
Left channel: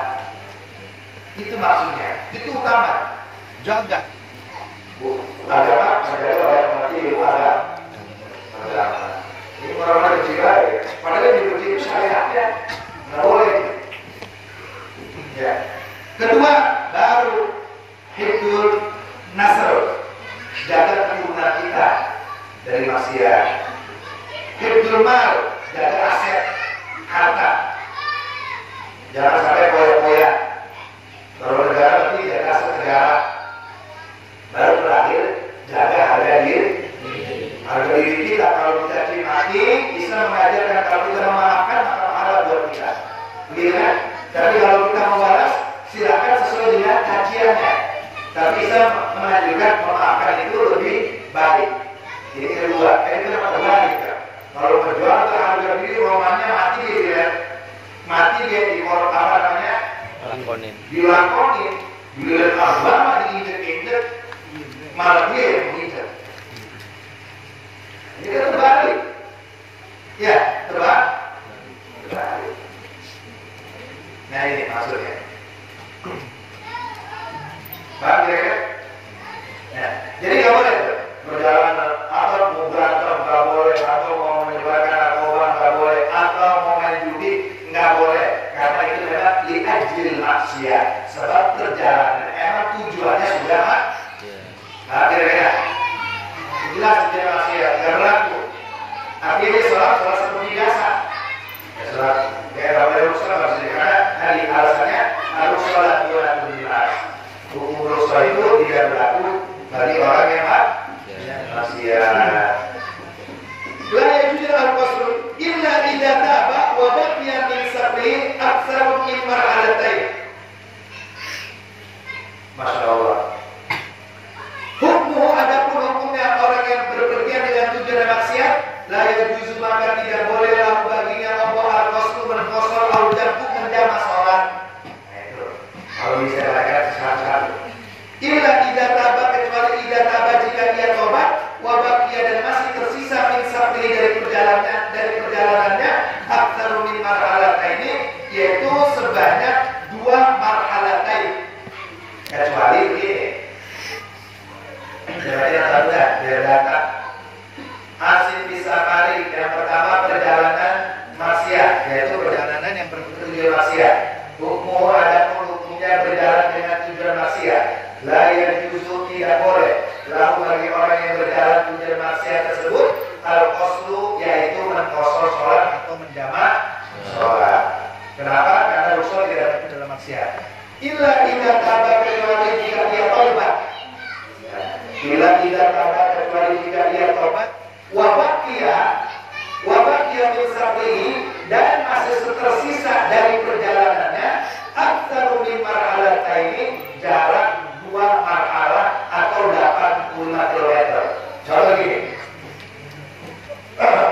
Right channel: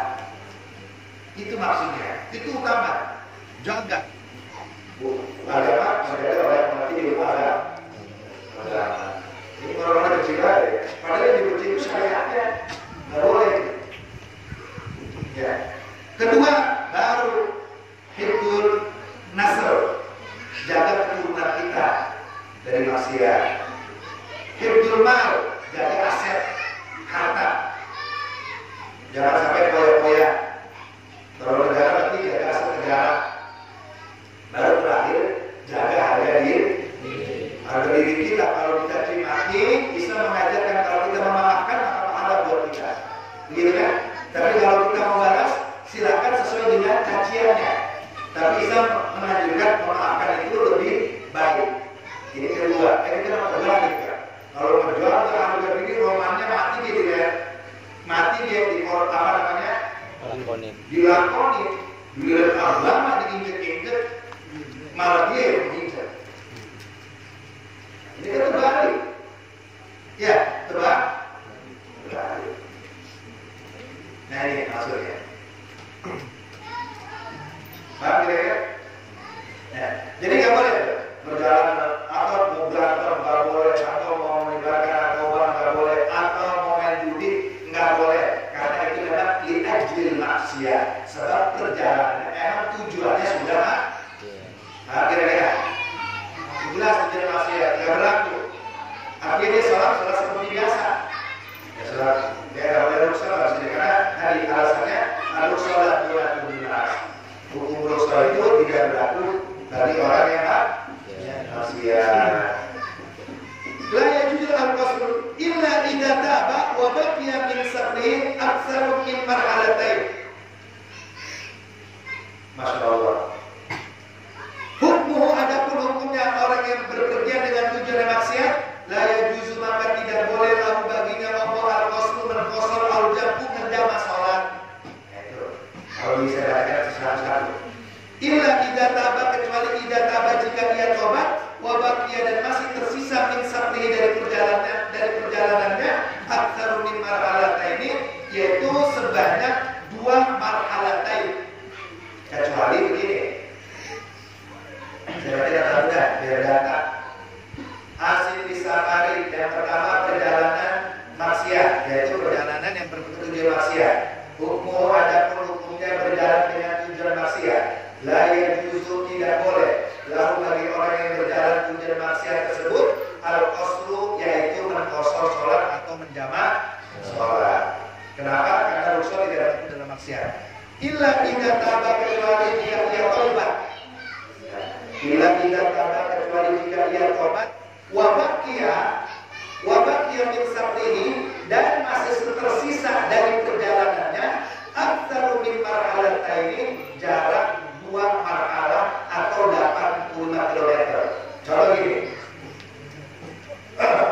Itu maksudnya. Itu utama. Jaga. Agama, menjaga orang mengerti ilmu agama. Ini orang-orang kecil aja. Padahal yang dibenci itu syariatnya. Nggak boleh. Ya. Kedua, baru hibdul nasr, jaga keturunan kita dari maksiat. Hibdul mal, jaga aset, harta. Jangan sampai koyak-koyak. Kalau negara berarti jaga aset negara. Baru terakhir, jaga harga diri. Harga diri kita, kalau kita dimaki, Islam mengajarkan kalau kita memaafkan maka pahala buat kita. Begitu kan? Tapi kalau kita membalas, silakan sesuai dengan kajiannya. Tapi Islam menganjurkan memaafkan itu lebih baik. Ini kedua, ini kita terbalik kan. Kalau berjuang ke harga diri, romannya mati dia ya. Mati dia di apa namanya? Dilakonin, dilihat agama diinjek-injek, malah dia yang menginjek. Ini kan terbalik. Ya, terbalik. Nah ini maksudnya. Paham kira-kira? Ya. Jadi nggak boleh berjalan atau mau berantem nggak boleh, atau mau menyebarkan narkoba nggak boleh, atau mau main judi nggak boleh, karena itu adalah liajil maksiat. Sebab perjalanan emang tujuannya sudah nah kira-kira jelas tujuan maksiat nggak berlaku. Tapi dia sholat seperti biasa. Ya sholat, ya nggak boleh sholat maksudnya karena hari alasannya harus sholat 2 hukum sholat itu tidak berlaku bagi orang yang maksiat. La yajuzu al-qasr illa idza taba wa baqiya min sabri aktsar min marhalatain. Masya Allah. Hukum adapun hukumnya orang yang berpergian dengan tujuan maksiat, la yajuzu maka tidak bolehlah baginya apa al-qasr berqasar al-jam'u menjama sholat. Kalau bisa katakan satu-satu. Illa idza taba kecuali idza taba jika dia tobat wa baqiya dan masih tersisa min sabri dari perjalanannya aktsar min marhalataini yaitu sebanyak 2 marhalatain. Kecuali ini. Berarti yang tahu kan biar data. Asin bisa kali yang pertama perjalanan maksiat yaitu perjalanan yang bertujuan maksiat. Hukum adapun hukumnya berjalan dengan tujuan maksiat. La yajuzu tidak boleh. Lalu bagi orang yang berjalan tujuan maksiat tersebut al-qasdu yaitu mengqasar sholat atau menjamak sholat. Kenapa? Karena rusul tidak ada dalam maksiat. Illa idza taba kecuali jika dia tobat. Illa idza taba kecuali jika dia tobat. Wa baqiya min sabrihi dan masih tersisa dari perjalanannya aktsar min marhalataini jarak 2 marhalah atau 85 km. Contoh gini.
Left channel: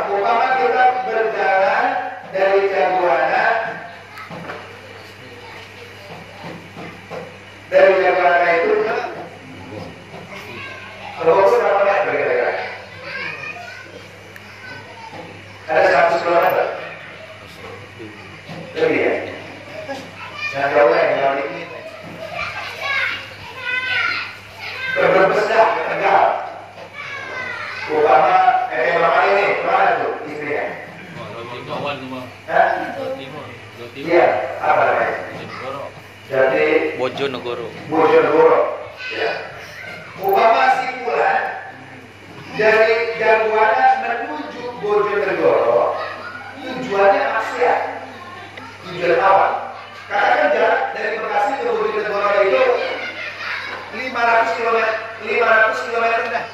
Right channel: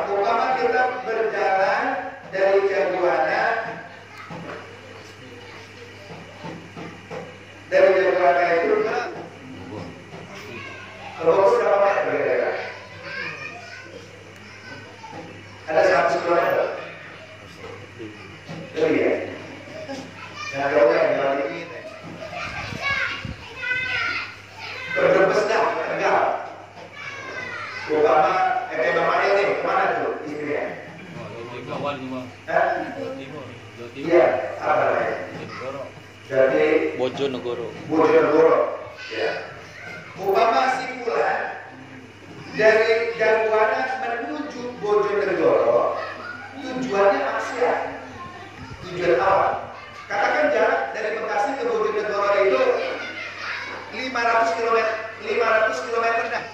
Umpama kita berjalan dari Jaguana itu ke Bogor berapa meter kira-kira? Ada 100 km. Lebih ya? Jangan jauh ya, kalau ini berbes dah, Tegal. Umpama berapa ini? Kemana tuh istrinya? Iya, apa namanya? Jadi Bojonegoro. Ya. Umpama simpulan dari Jaguana menuju Bojonegoro, tujuannya maksiat. Tujuan awal. Katakan jarak dari Bekasi ke Bojonegoro itu 500 km dah.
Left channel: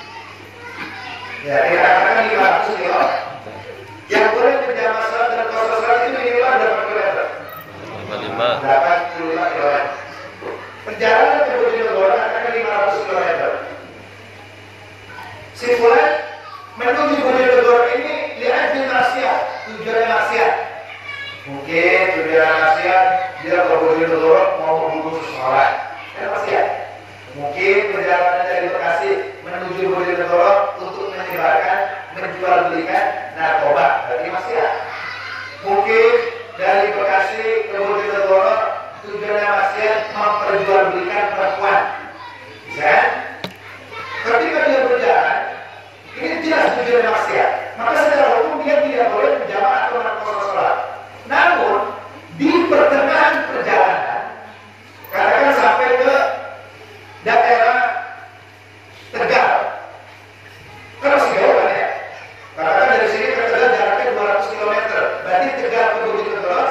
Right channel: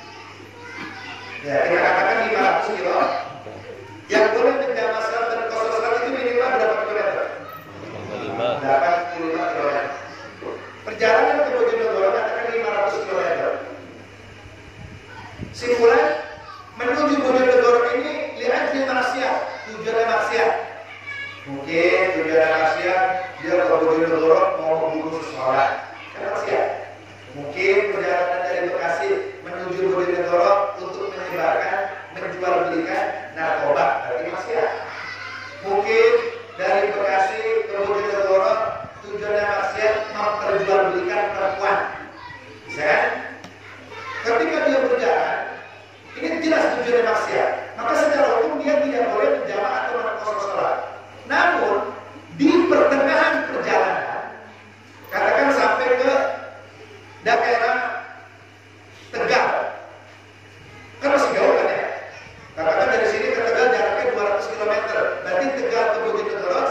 Ya, kita katakan 500 km. Yang boleh menjamah sholat dan qasar sholat itu minimal berapa kilometer? 85 km. Perjalanan ke Bojonegoro katakan 500 km. Simpulan menuju Bojonegoro ini lihat di maksiat, tujuannya maksiat. Mungkin tujuan maksiat dia ke Bojonegoro mau membunuh seseorang, kan maksiat. Mungkin perjalanan dari Bekasi menuju Bojonegoro untuk menjual belikan narkoba, berarti maksiat. Mungkin dari Bekasi ke Bojonegoro tujuannya maksiat memperjualbelikan perempuan, bisa kan? Ketika dia berjalan, ini jelas tujuannya maksiat. Maka secara hukum dia tidak boleh menjamak atau mengqasar sholat. Namun di pertengahan perjalanan, katakan sampai ke daerah Tegal, kan masih jauh kan ya? Katakan dari sini ke Tegal jaraknya 200 km. Berarti Tegal ke Bojonegoro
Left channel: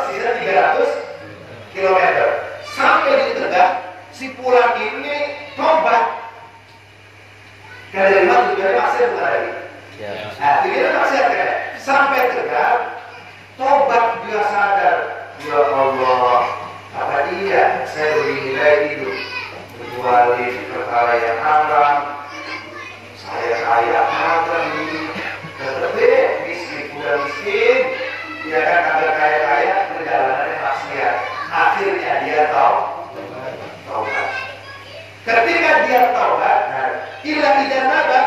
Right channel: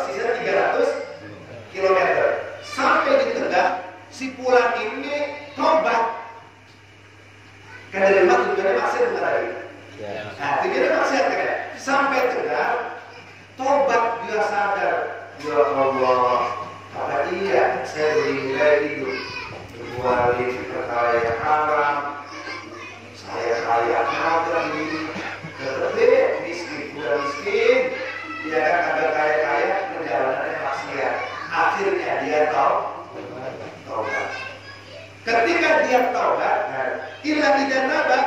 perkara yang haram, saya kaya ada ini, tetapi miskin udah miskin, dia kan ada kaya perjalanannya maksiat. Akhirnya dia taubat. Ketika dia taubat, ilah idan naba,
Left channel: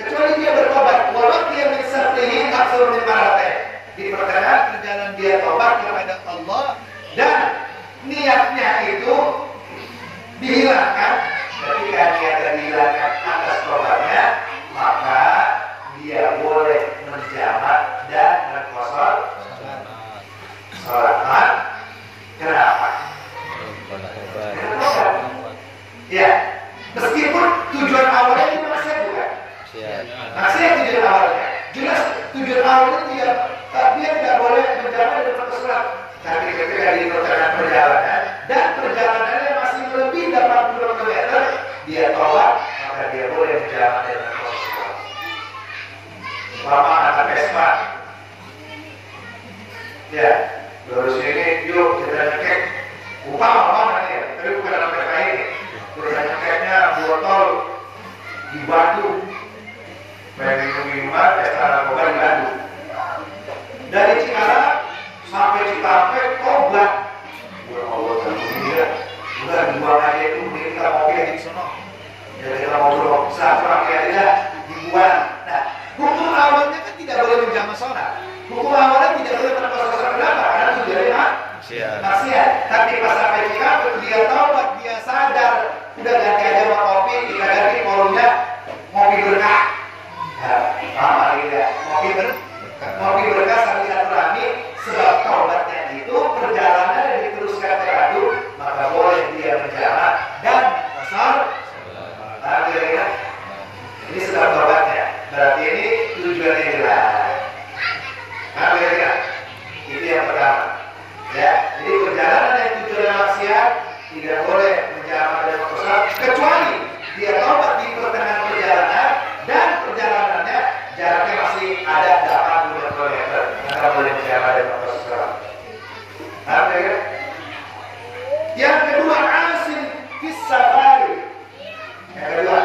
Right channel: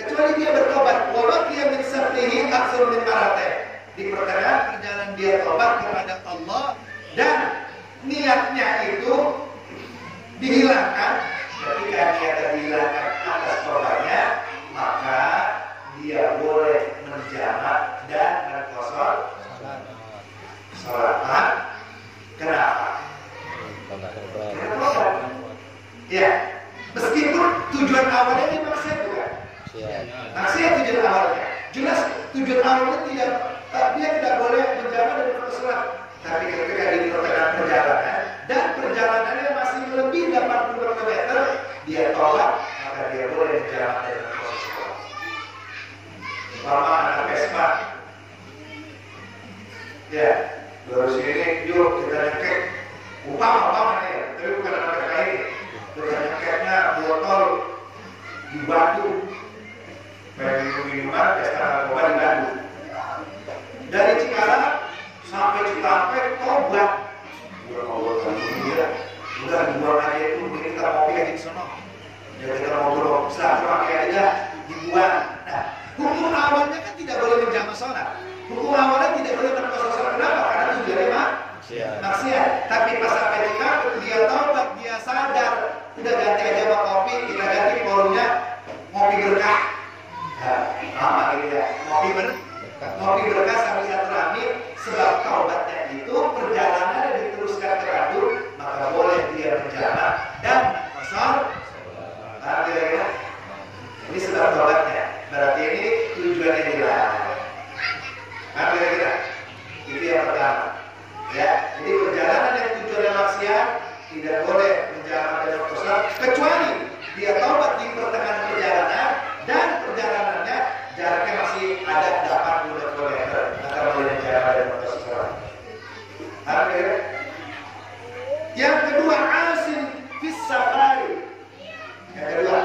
kecuali dia bertobat, wabak dia menyesalihi aksur min marate. Di pertengahan perjalanan dia taubat kepada Allah dan niatnya itu dihilangkan. Ketika niatnya dihilangkan atas tobatnya, maka dia boleh menjamak dan mengkosor sholat. Kenapa? Ya, meskipun tujuan awalnya itu maksiat bukan? Maksiat tujuan awalnya. Jelas tujuan awalnya dia tidak boleh menjamak dan mengkosor. Tapi ketika di pertengahan perjalanan dan perjalanannya masih lebih dari 80 km, dia tolak, maka dia boleh menjamak dan mengkosor. Lama anak Vespa, ya, terus ini yuk kita ngekek, upah ya, tapi bukan anak Vespa ini. Terus ngekeknya botol di Bandung, minuman pesta narkoba di Bandung. Dari Cikarang sampai Cikampek tobat. Ya Allah, alhamdulillah. Udah dibuang aja itu, kita ngopi aja di sana. Ya kita ngobrol, saat aja dibuang. Nah, hukum awalnya kan tidak boleh menjamak sholat. Hukum awalnya tidak boleh menjamak sholat. Kenapa? Karena itu dari maksiat. Tapi pas sampai Cikampek dia taubat, dia sadar. Udah ganti aja mau kopi, kita ganti forumnya ngopi berkah. Nah, ya, ngopi berkah sambil silaturahmi. Sebab taubatnya itu perjalanan diteruskan ke Bandung, maka boleh dia menjamak dan mengkosor. Ini sebab taubatnya. Berarti ini tujuannya jelas. Itu yang pertama. Ya, jadi perjalanan yang tujuannya maksiat tidak boleh menjamak dan mengkosor kecuali dia taubat di pertengahan perjalanan dan perjalanannya jaraknya masih ada 80 km. Maka boleh menjamak dan mengkosor. Yang kedua, asin fis safari. Yang kedua,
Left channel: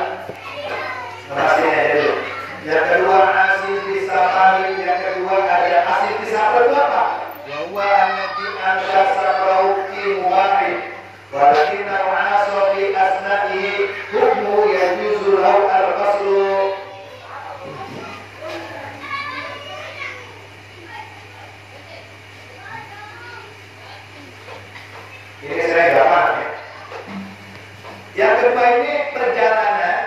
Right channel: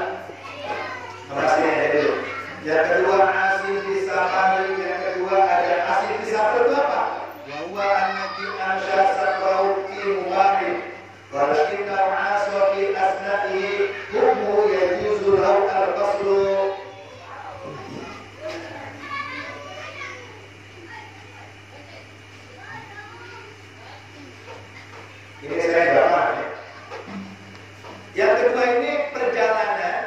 yang kedua asin fis safari. Yang kedua ada asin fis safari itu apa? Wa anati anta sabrau fi mubahi walakinna ma'asu fi asna'ihi hukmu yajuzu lahu al-qasru. Ini saya nggak paham ya. Yang kedua ini perjalanan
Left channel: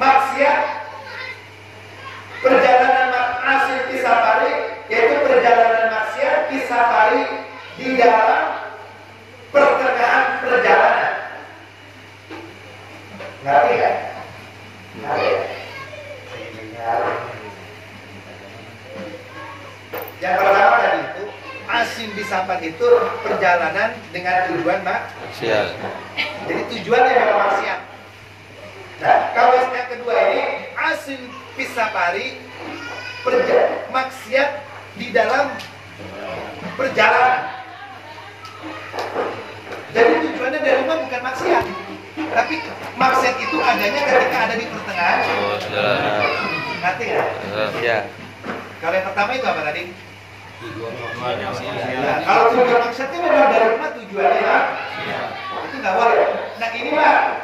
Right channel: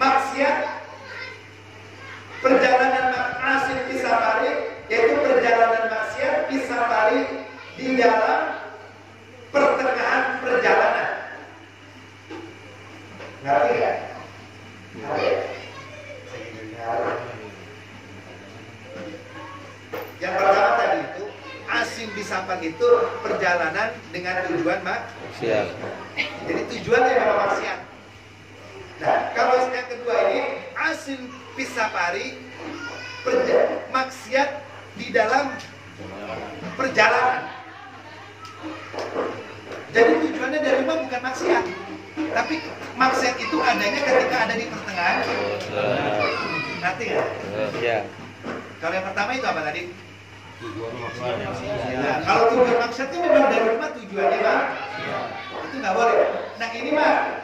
maksiat, perjalanan maksiat di safari, yaitu perjalanan maksiat di safari di dalam pertengahan perjalanan. Ngerti ya? Yang pertama tadi itu asin bisafar itu perjalanan dengan tujuan maksiat. Jadi tujuannya memang maksiat. Nah, kalau yang kedua ini asin bisafari maksiat di dalam perjalanan. Jadi tujuannya dari mana bukan maksiat, tapi maksiat itu adanya ketika ada di pertengahan. Ngerti nggak? Ya. Kalau yang pertama itu apa tadi? Ya, kalau tujuan maksudnya memang dari rumah tujuannya lah, itu nggak boleh. Nah ini mah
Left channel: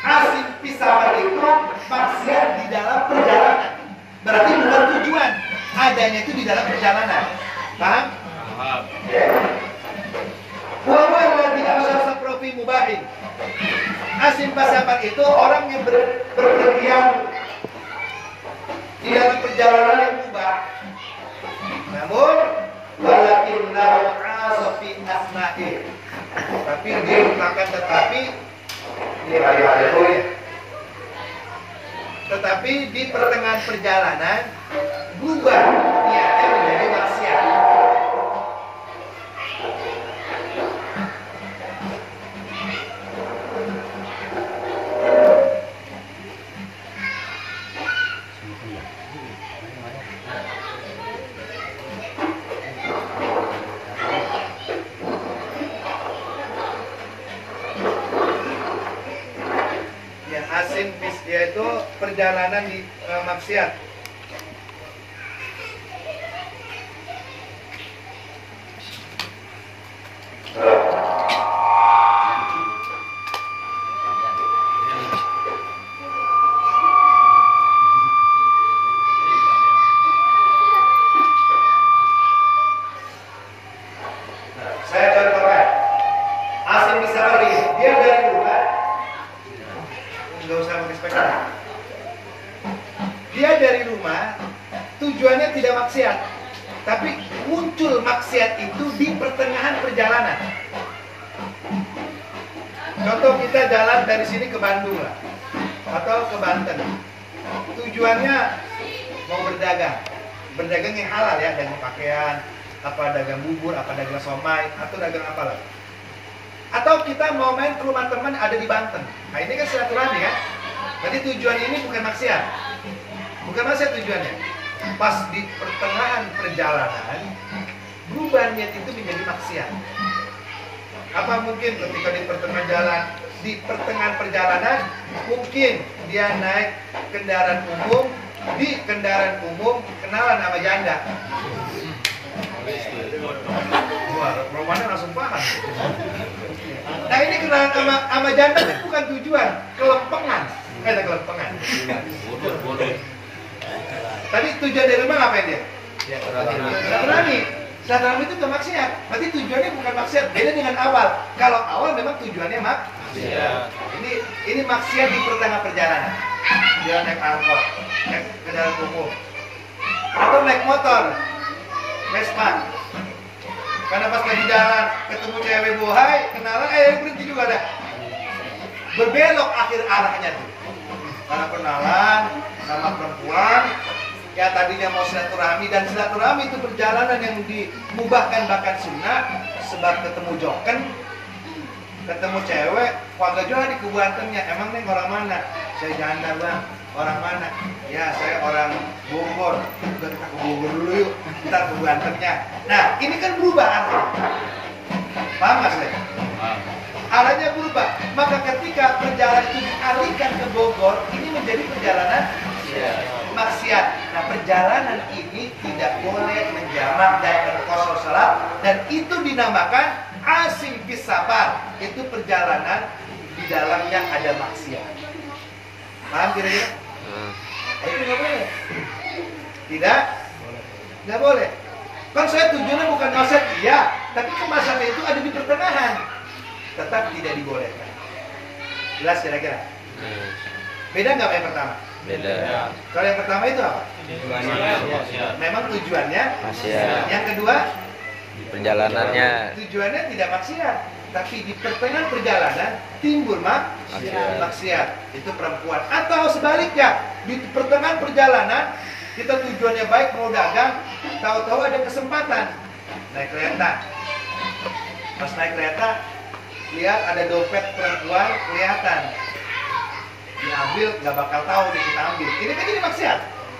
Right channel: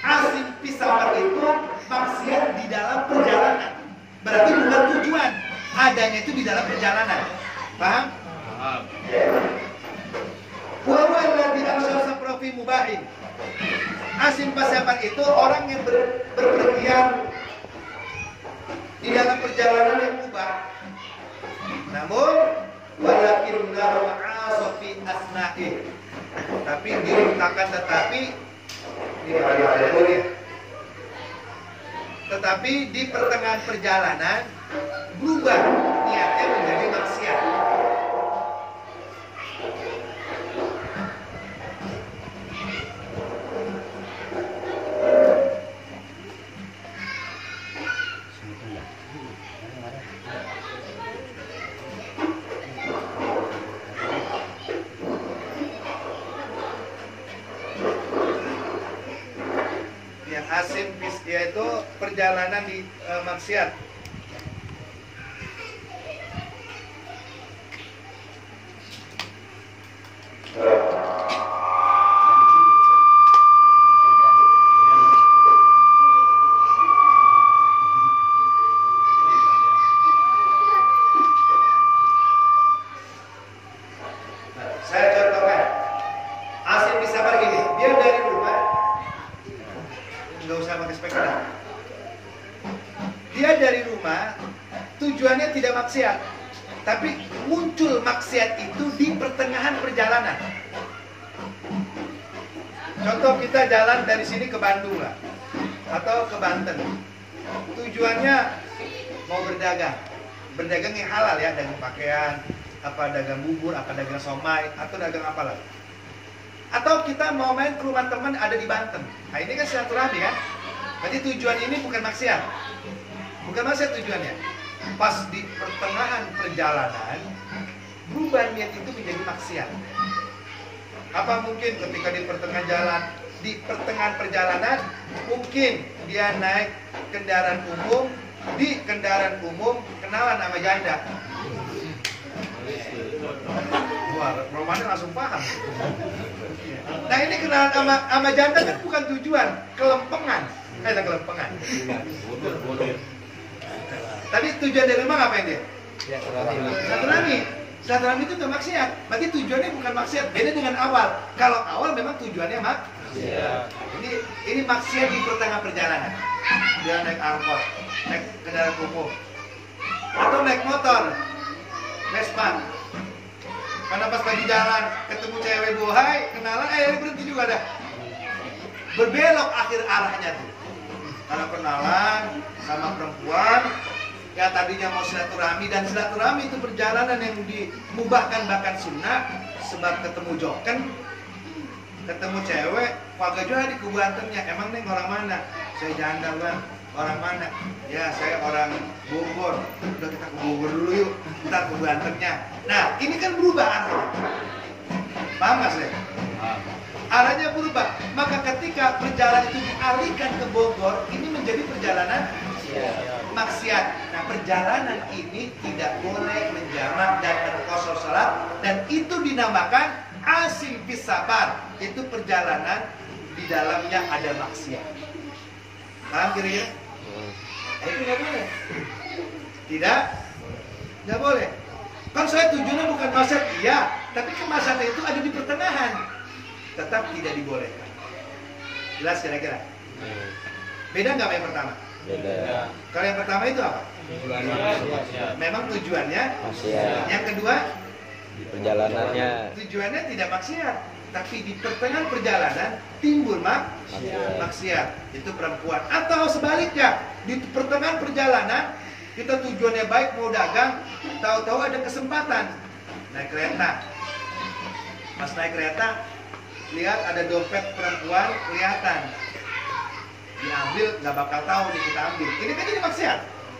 asin pisahkan itu maksiat di dalam perjalanan, berarti bukan tujuan, adanya itu di dalam perjalanan, paham? Paham. Wawan lagi asal profi mubahin. Asin pisahkan itu orang yang berpergian di dalam perjalanan yang mubah. Namun walakin lahu asafi asna'i. Tapi dia akan tetapi di pertengahan perjalanan berubah niatnya menjadi maksiat. Asin yaitu perjalanan di maksiat. Saya contohkan, Asim bisa pergi, dia dari rumah, Nggak usah pakai speaker. Dia dari rumah, tujuannya tidak maksiat, tapi muncul maksiat itu di pertengahan perjalanan. Contoh kita jalan dari sini ke Bandung lah, atau ke Banten. Tujuannya mau berdagang yang halal ya, dagang pakaian, apa dagang bubur, apa dagang somai, atau dagang apalah. Atau kita mau main ke rumah teman ada di Banten. Nah ini kan silaturahmi kan? Berarti tujuan ini bukan maksiat. Bukan maksiat tujuannya. Pas di pertengahan perjalanan, berubah niat itu menjadi maksiat. Apa mungkin ketika di pertengahan perjalanan, mungkin dia naik kendaraan umum, di kendaraan umum kenalan sama janda. Wah, romannya langsung paham. Nah ini kenalan sama janda itu bukan tujuan, kelempengan. Ada kelempengan. Tadi tujuan dari rumah ngapain dia? Silaturahmi itu gak maksiat. Berarti tujuannya bukan maksiat. Beda dengan awal. Kalau awal memang tujuannya maksiat. Ini maksiat di pertengahan perjalanan. Dia naik angkot, naik kendaraan umum, atau naik motor, Vespa. Karena pas lagi jalan ketemu cewek bohai, kenalan, berhenti juga dah. Berbelok akhir arahnya tuh. Karena kenalan sama perempuan, ya tadinya mau silaturahmi, dan silaturahmi itu perjalanan yang dimubahkan bahkan sunnah. Sebab ketemu joken, ketemu cewek, warga juga di kebuantennya. Emang neng orang mana? Saya janda bang. Orang mana? Ya saya orang Bogor. Udah kita ke Bogor dulu yuk. Ntar kebuantennya. Nah ini kan berubah arahnya. Paham gak saya? Arahnya berubah. Maka ketika perjalanan itu dialihkan ke Bogor, ini menjadi perjalanan maksiat. Nah perjalanan ini tidak boleh menjamak dan berkosor salat, dan itu dinamakan asim fis safar. Itu perjalanan di dalamnya ada maksiat. Paham kira-kira? Itu nggak boleh. Tidak? Nggak boleh. Kan saya tujuannya bukan maksiat, iya, tapi kemaksiatan itu ada di pertengahan. Tetap tidak dibolehkan. Jelas kira-kira? Beda nggak sama yang pertama? Beda. Kalau yang pertama itu apa? Memang tujuannya maksiat. Yang kedua? Perjalanannya. Tujuannya tidak maksiat, tapi di pertengahan perjalanan timbul maksiat. Itu perempuan. Atau sebaliknya, di pertengahan perjalanan kita tujuannya baik mau dagang, tahu-tahu ada kesempatan naik kereta. Pas naik kereta, lihat ada dompet perempuan kelihatan, diambil, nggak bakal tahu nih kita ambil. Ini kan jadi maksiat.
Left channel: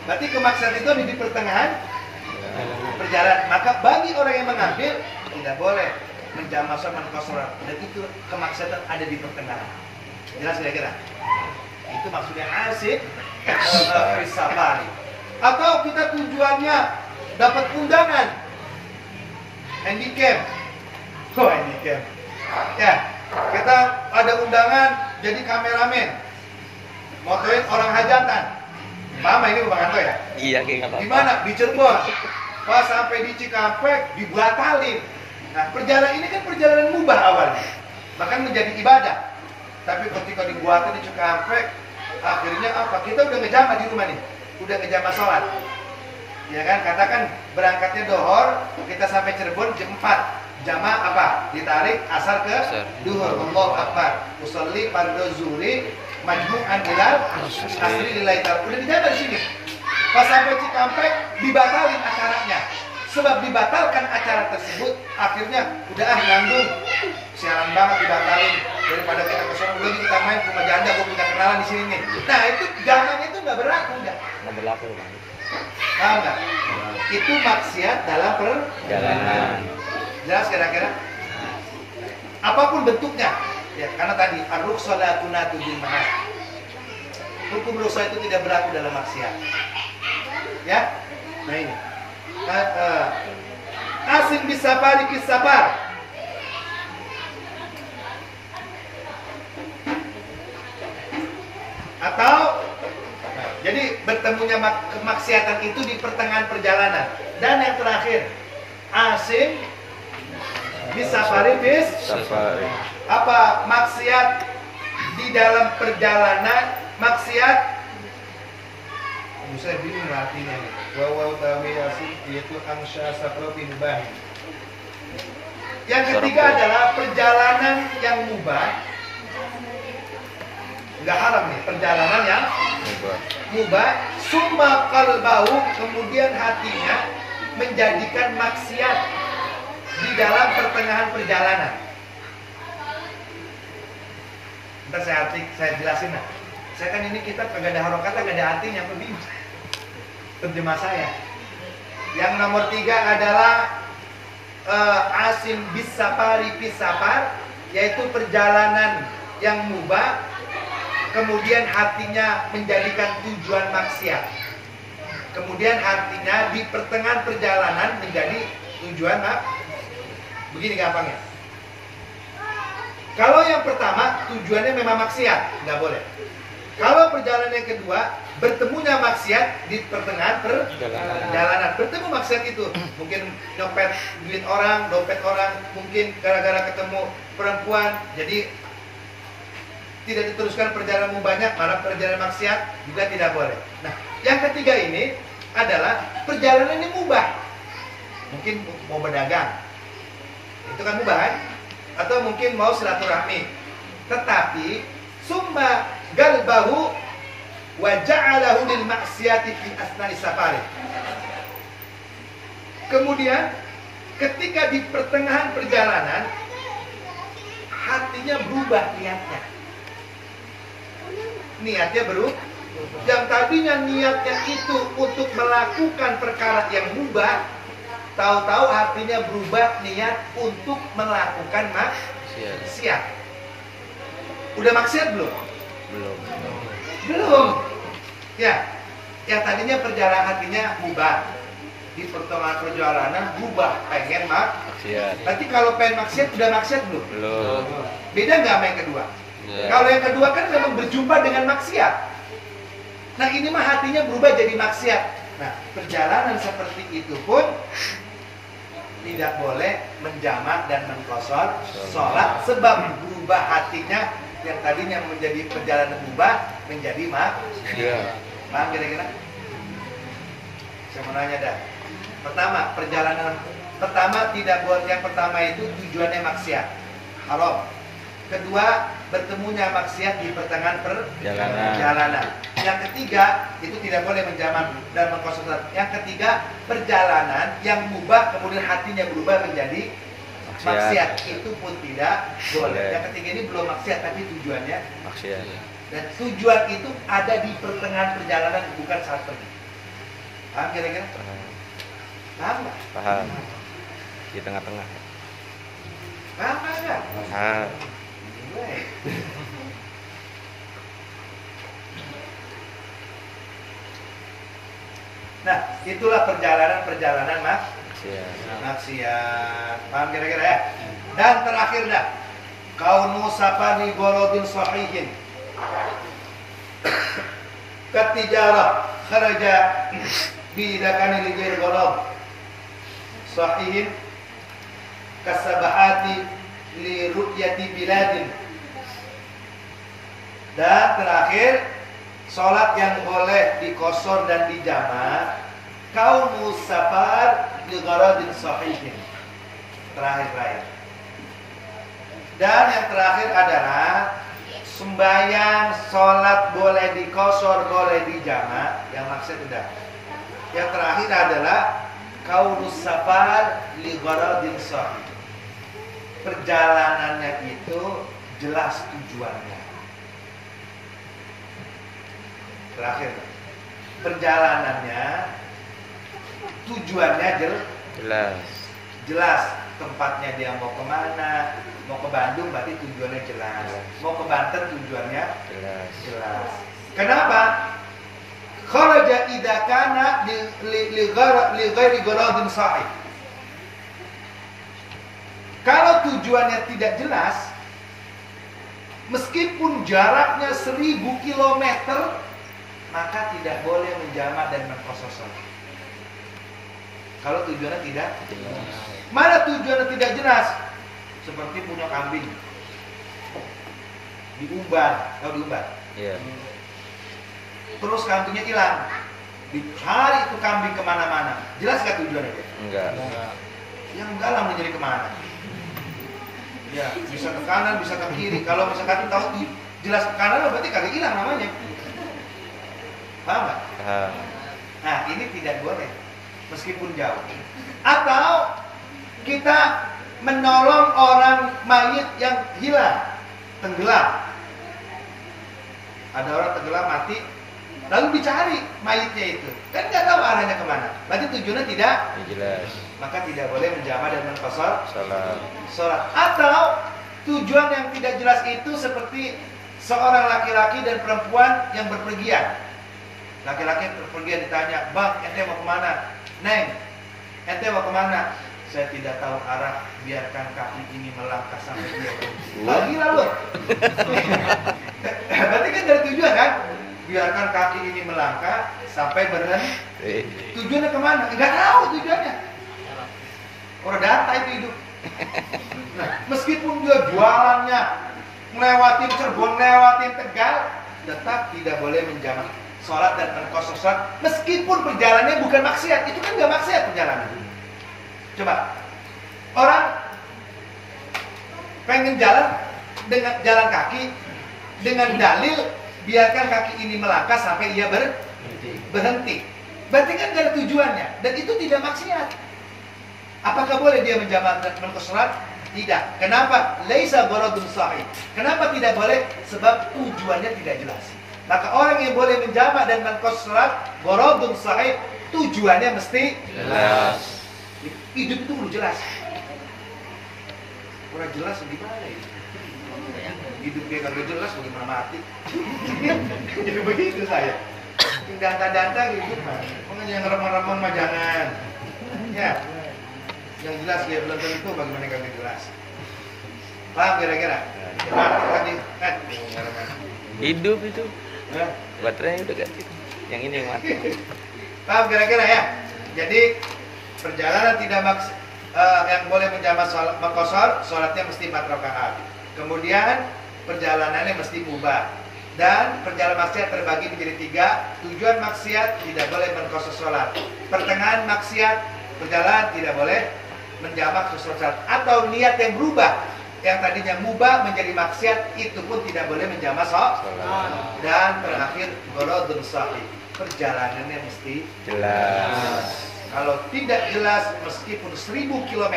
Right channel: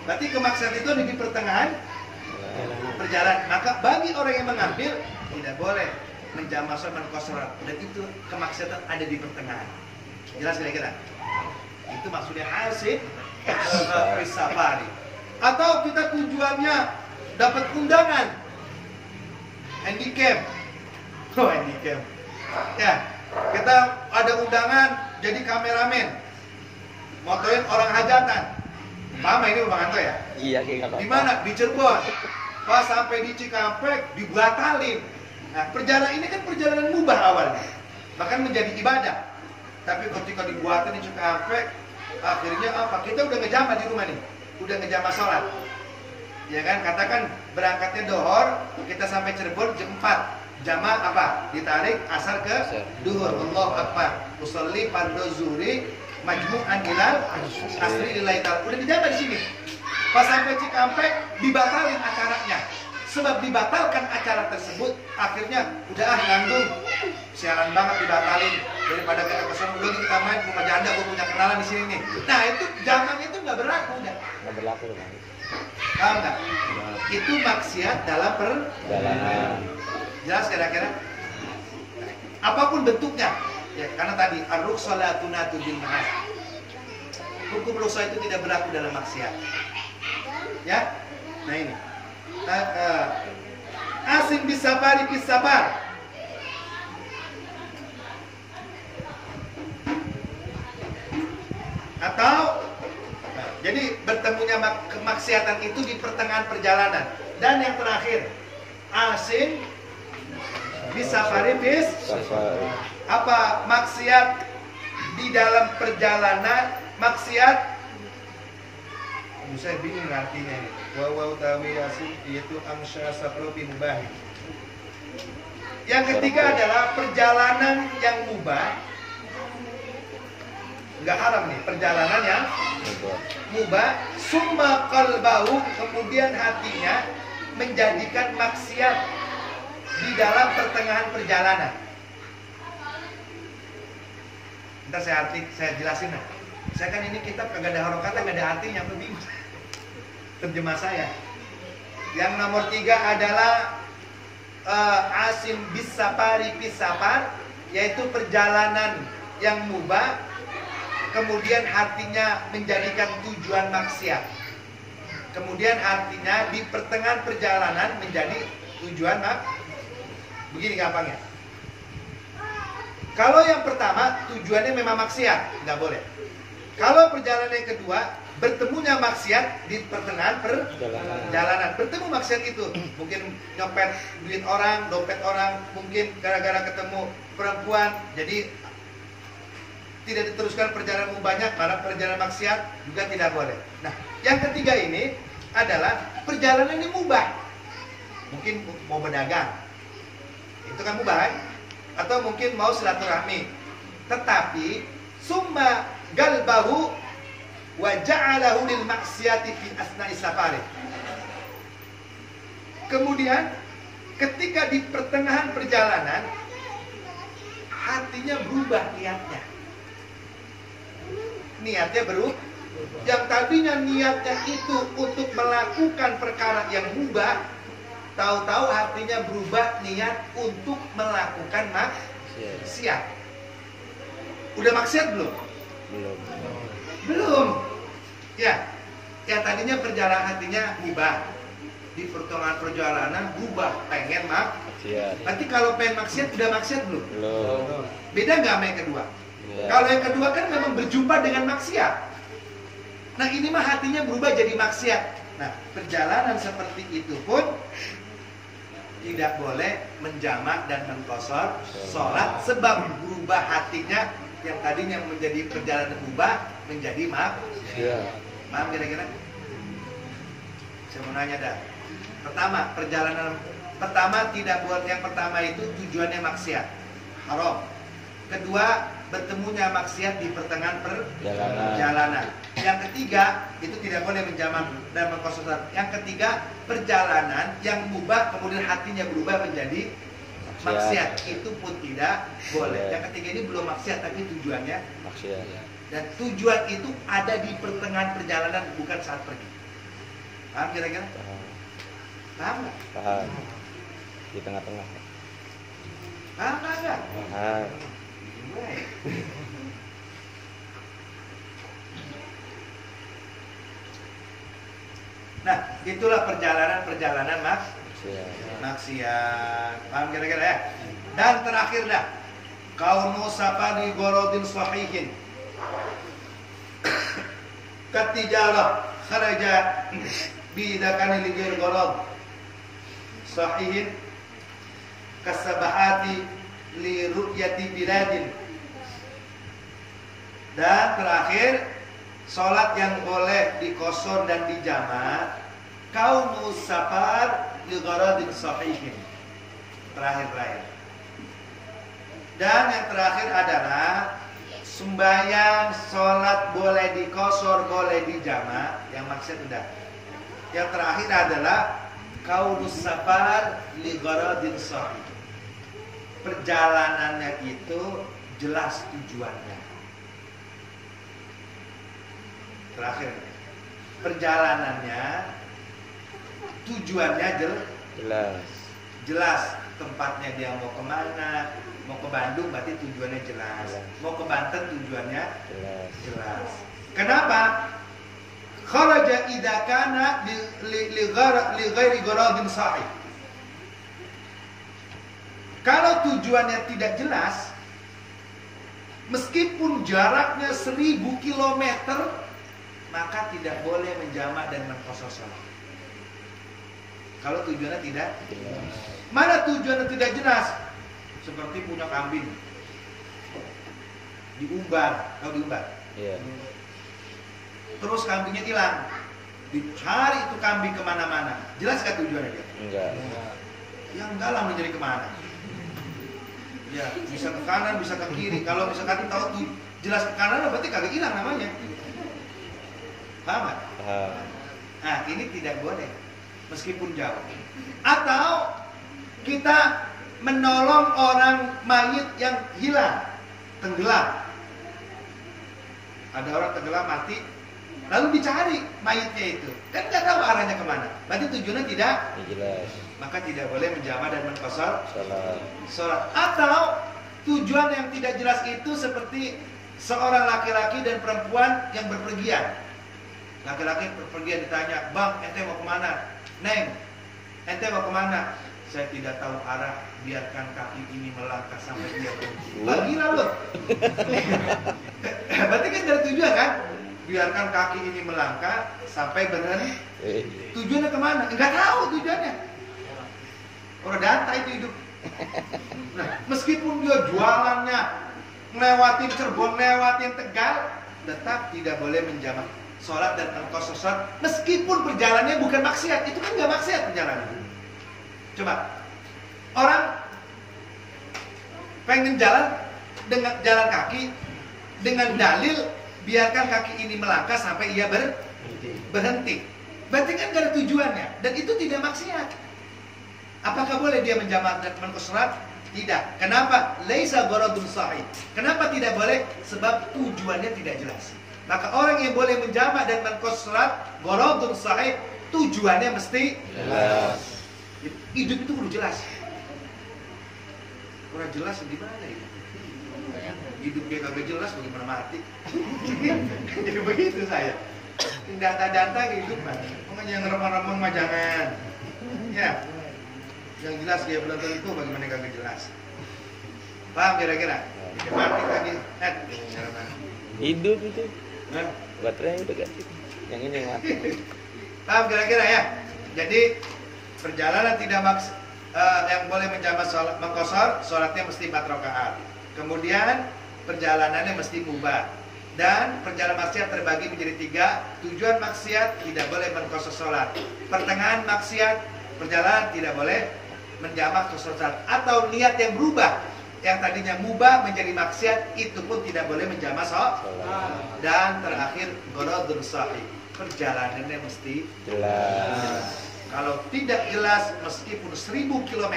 Berarti kemaksiatan itu ada di pertengahan perjalanan. Maka bagi orang yang mengambil tidak boleh menjamak dan kosoran. Dan itu kemaksiatan ada di pertengahan. Jelas kira-kira? Itu maksudnya asik safari. Atau kita tujuannya dapat undangan handicap. Handicap. Ya, kita ada undangan jadi kameramen, motoin orang hajatan. Paham ini Bang Anto ya? Iya, kayak kata. Di mana? Di Cirebon. Pas sampai di Cikampek dibatalin. Nah, perjalanan ini kan perjalanan mubah awalnya, bahkan menjadi ibadah. Tapi ketika dibuatin di Cikampek, akhirnya apa? Kita udah ngejamah di rumah nih, udah ngejamah sholat. Ya kan? Katakan berangkatnya dohor, kita sampai Cirebon jam 4. Jamaah apa? Ditarik asar ke duhur. Allahu Akbar. Usolli fardhu zuhri majmu'an ilal asri lillahi ta'ala. Udah dijamah di sini. Pas sampai Cikampek dibatalin acaranya. Sebab dibatalkan acara tersebut, akhirnya udah ngandung. Sialan banget dibatalin. Daripada kita kesana dulu kita main ke rumah janda, gue punya kenalan di sini nih. Nah itu jamanya itu nggak berlaku, nggak berlaku, Bang. Paham nggak? Itu maksiat dalam perjalanan. Jelas kira-kira? Apapun bentuknya, ya karena tadi ar-rukhsalatuna bil mahal. hukum rukhsah itu tidak berlaku dalam maksiat. Ya, nah ini. Asim bisafari bisafar. Atau jadi bertemunya kemaksiatan itu di pertengahan perjalanan. Dan yang terakhir, asim bisafari bis Safari. apa maksiat di dalam perjalanan, maksiat saya bingung artinya nih. Wawaw tawi asim yaitu amsya saprofi mubah. Yang ketiga adalah perjalanan yang mubah. Enggak haram nih, perjalanan yang mubah. Summa qalbahu, kemudian hatinya menjadikan maksiat di dalam pertengahan perjalanan. Ntar saya jelasin lah. Saya kan ini kitab kagak ada harokatnya, kagak ada artinya, bingung terjemah saya. Yang nomor 3 adalah asim bisafari bisafar, yaitu perjalanan yang mubah, kemudian hatinya menjadikan tujuan maksiat. Kemudian hatinya di pertengahan perjalanan menjadi tujuan begini gampangnya. Kalau yang pertama tujuannya memang maksiat, nggak boleh. Kalau perjalanan yang kedua bertemunya maksiat di pertengahan perjalanan, bertemu maksiat itu mungkin nyopet duit orang, dompet orang, mungkin gara-gara ketemu perempuan, jadi tidak diteruskan perjalanan mubahnya, malah perjalanan maksiat juga tidak boleh. Nah, yang ketiga ini adalah perjalanan ini mubah, mungkin mau berdagang, itu kan mubah kan? Atau mungkin mau silaturahmi, tetapi summa galbahu wa ja'alahu lil maksiati fi asna'i safari. Kemudian ketika di pertengahan perjalanan hatinya berubah niatnya berubah. Yang tadinya niatnya itu untuk melakukan perkara yang mubah, tahu-tahu hatinya berubah niat untuk melakukan maksiat. Udah maksiat belum? Belum. Ya, yang tadinya perjalanan hatinya mubah, di pertengahan perjalanan berubah pengen maksiat. Nanti kalau pengen maksiat udah maksiat belum? Beda nggak sama yang kedua? Kalau yang kedua kan memang berjumpa dengan maksiat. Nah ini mah hatinya berubah jadi maksiat. Nah perjalanan seperti itu pun tidak boleh menjamak dan mengqashar sholat, sebab berubah hatinya yang tadinya menjadi perjalanan berubah menjadi maksiat. Paham kira-kira? Saya mau nanya dah. Pertama, perjalanan pertama tidak buat, yang pertama itu tujuannya maksiat, haram. Kedua, bertemunya maksiat di pertengahan perjalanan. Yang ketiga, itu tidak boleh menjamak dan mengqashar. Yang ketiga, perjalanan yang mubah kemudian hatinya berubah menjadi maksiat, itu pun tidak boleh. Yang ketiga ini belum maksiat tapi tujuannya maksiat. Dan tujuan itu ada di pertengahan perjalanan, bukan saat pergi. Paham kira-kira? Paham nggak? Paham. Di tengah-tengah. Paham nggak? Paham. Nah, itulah perjalanan maksiat. Paham kira-kira ya? Dan terakhir dah, kaunu safari gorodin sahihin katijarah kharaja bidakani ligir golod sahihin kasabahati li ru'yati biladin. Dan terakhir, sholat yang boleh dikosor dan dijamak kaunu safar li gharadin sahihin. Terakhir. Dan yang terakhir adalah sembahyang, sholat boleh dikosor, boleh dijamak. Yang maksud udah. Yang terakhir adalah kaunus safar li gharadin sahih. Perjalanannya itu jelas tujuannya. Terakhir, perjalanannya tujuannya jelas. Tempatnya dia mau kemana? Mau ke Bandung berarti tujuannya jelas. Mau ke Banten tujuannya jelas. Kenapa? Kharaja idza kana li ghairi gharadin sahih. Kalau tujuannya tidak jelas, meskipun jaraknya 1000 km, maka tidak boleh menjamak dan mengqashar salat. Kalau tujuannya tidak jelas. Mana tujuannya tidak jelas? Seperti punya kambing diumbar, tahu diumbar? Iya. Terus kambingnya hilang, dicari itu kambing kemana-mana. Jelas gak tujuannya? Enggak. Yang enggak lah menjadi kemana? Ya, bisa ke kanan, bisa ke kiri. Kalau misalkan tahu jelas ke kanan, berarti kagak hilang namanya. Paham gak? Paham. Nah, ini tidak boleh, meskipun jauh. Atau kita menolong orang mayit yang hilang, tenggelam. Ada orang tenggelam mati, lalu dicari mayitnya itu, kan nggak tahu arahnya kemana. Berarti tujuannya tidak Jelas. maka tidak boleh menjamak dan mengqashar Salat. Atau tujuan yang tidak jelas itu seperti seorang laki-laki dan perempuan yang berpergian. Laki-laki berpergian ditanya, "Bang, ente mau kemana?" "Neng, ente mau kemana?" "Saya tidak tahu arah, biarkan kaki ini melangkah sampai dia berhenti." Wah, gila loh. Berarti kan dari tujuan kan? Biarkan kaki ini melangkah sampai berhenti. Tujuannya kemana? Enggak tahu tujuannya. Orang data itu hidup. Nah, meskipun dia jualannya ngelewatin Cirebon, ngelewatin Tegal, tetap tidak boleh menjamak sholat dan mengqashar sholat meskipun perjalanannya bukan maksiat. Itu kan nggak maksiat perjalanan. Coba orang pengen jalan dengan jalan kaki dengan dalil biarkan kaki ini melangkah sampai ia berhenti. Berarti kan nggak ada tujuannya dan itu tidak maksiat. Apakah boleh dia menjamak dan mengqashar sholat? Tidak. Kenapa? Laisa gharadun sahih. Kenapa tidak boleh? Sebab tujuannya tidak jelas. Maka orang yang boleh menjamak dan mengqashar sholat gharadun sahih, tujuannya mesti Jelas. Hidup itu udah jelas. Orang jelas gimana ya? Hidup dia kagak jelas bagaimana mati. Jadi begitu saya. Danta-danta hidup mah. Makanya yang remang-remang mah jangan. Ya. Yang jelas dia belum tentu bagaimana kagak jelas. Paham kira-kira? Mati tadi. Hidup itu. Baterainya udah ganti. Yang ini yang mati. Paham kira-kira ya? Jadi perjalanan tidak yang boleh menjamak mengqashar sholatnya mesti 4 rakaat. Kemudian perjalanannya mesti mubah. Dan perjalanan maksiat terbagi menjadi 3. Tujuan maksiat tidak boleh mengqashar sholat. Pertengahan maksiat perjalanan tidak boleh menjamak sholat. Atau niat yang berubah, yang tadinya mubah menjadi maksiat, itu pun tidak boleh menjamak sholat. Dan terakhir gharadun sahih, perjalanannya mesti Jelas. Kalau tidak jelas meskipun 1000 km,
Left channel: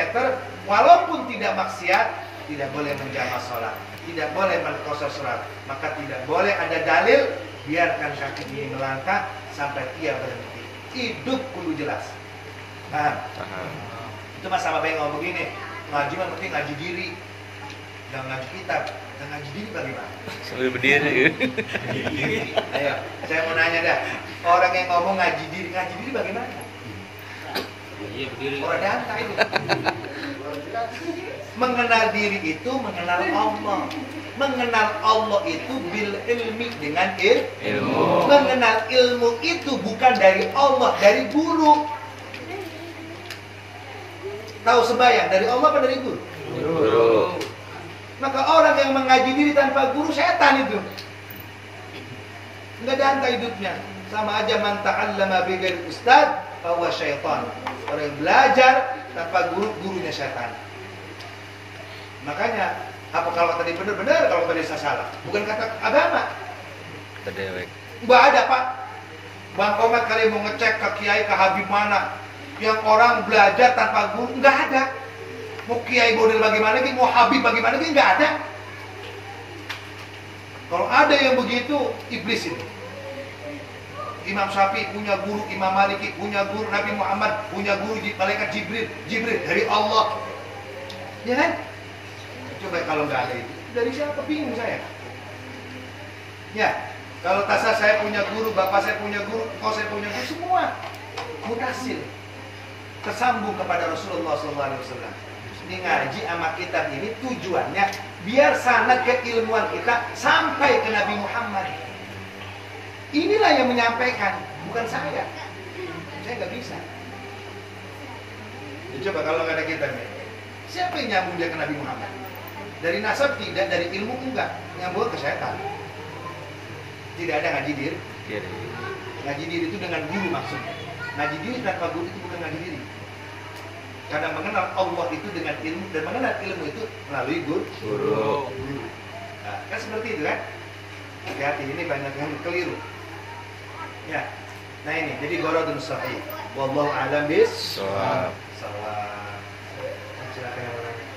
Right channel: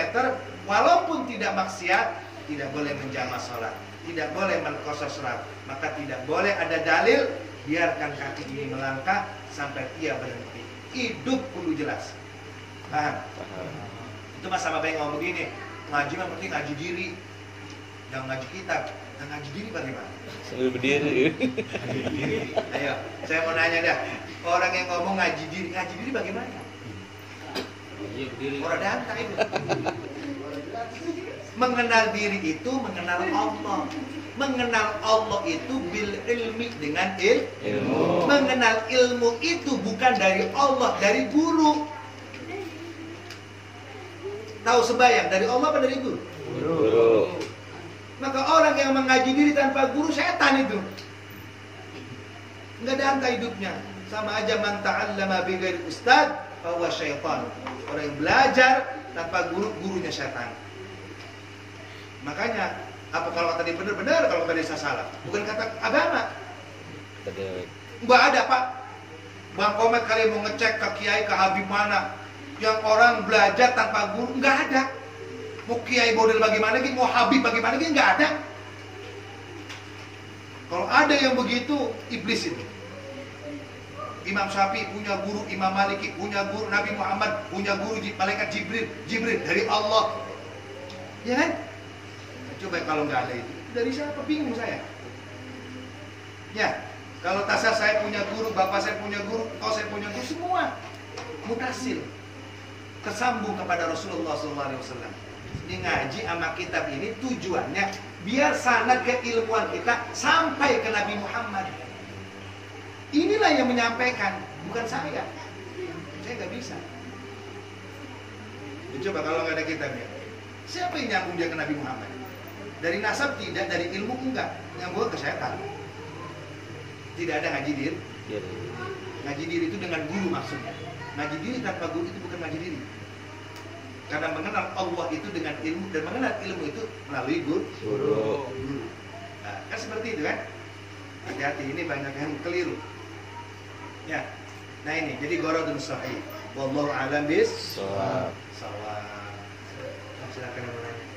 walaupun tidak maksiat, tidak boleh menjamak sholat, tidak boleh mengqashar sholat. Maka tidak boleh ada dalil biarkan kaki ini melangkah sampai ia berhenti. Hidup kudu jelas. Paham? Itu Mas sama yang ngomong begini, ngaji mah penting ngaji diri, jangan ngaji kitab. Dan ngaji diri bagaimana? Sambil berdiri. Ayo, saya mau nanya dah, orang yang ngomong ngaji diri bagaimana? Iya berdiri. Orang danta itu. Mengenal diri itu mengenal Allah. Mengenal Allah itu bil ilmi, dengan ilmu. Mengenal ilmu itu bukan dari Allah, dari guru. Tahu sembahyang dari Allah apa dari guru? Guru. Maka orang yang mengaji diri tanpa guru setan itu. Enggak danta hidupnya. Sama aja man ta'allama bi ghairi ustad bahwa syaitan. Orang yang belajar tanpa guru, gurunya setan. Makanya apa kalau tadi benar-benar, kalau tadi salah? Bukan kata agama. Terdewek. Enggak ada Pak. Bang Komet kali mau ngecek ke kiai, ke habib mana yang orang belajar tanpa guru, enggak ada. Mau kiai model bagaimana lagi, mau habib bagaimana lagi, enggak ada. Kalau ada yang begitu, iblis itu. Imam Syafi'i punya guru, Imam Maliki punya guru, Nabi Muhammad punya guru, malaikat Jibril dari Allah. Ya kan? Coba kalau nggak ada itu, dari siapa? Bingung saya. Ya, Kalau tasar saya punya guru, bapak saya punya guru, kau saya punya guru, semua mutasil tersambung kepada Rasulullah SAW. Ini ngaji sama kitab ini tujuannya biar sanad keilmuan kita sampai ke Nabi Muhammad. Inilah yang menyampaikan, bukan saya. Saya nggak bisa. Ya, coba kalau nggak ada kitabnya, siapa yang nyambung dia ke Nabi Muhammad? Dari nasab tidak, dari ilmu enggak, nyambung ke setan. Tidak ada ngaji diri. Ngaji diri itu dengan guru maksudnya. Ngaji diri tanpa guru itu bukan ngaji diri. Karena mengenal Allah itu dengan ilmu, dan mengenal ilmu itu melalui guru. Nah, kan seperti itu kan? Hati-hati, ini banyak yang keliru. Ya. Nah ini, jadi gorodun sahih. Wallahu a'lam bis. Shawab. Silakan yang lain.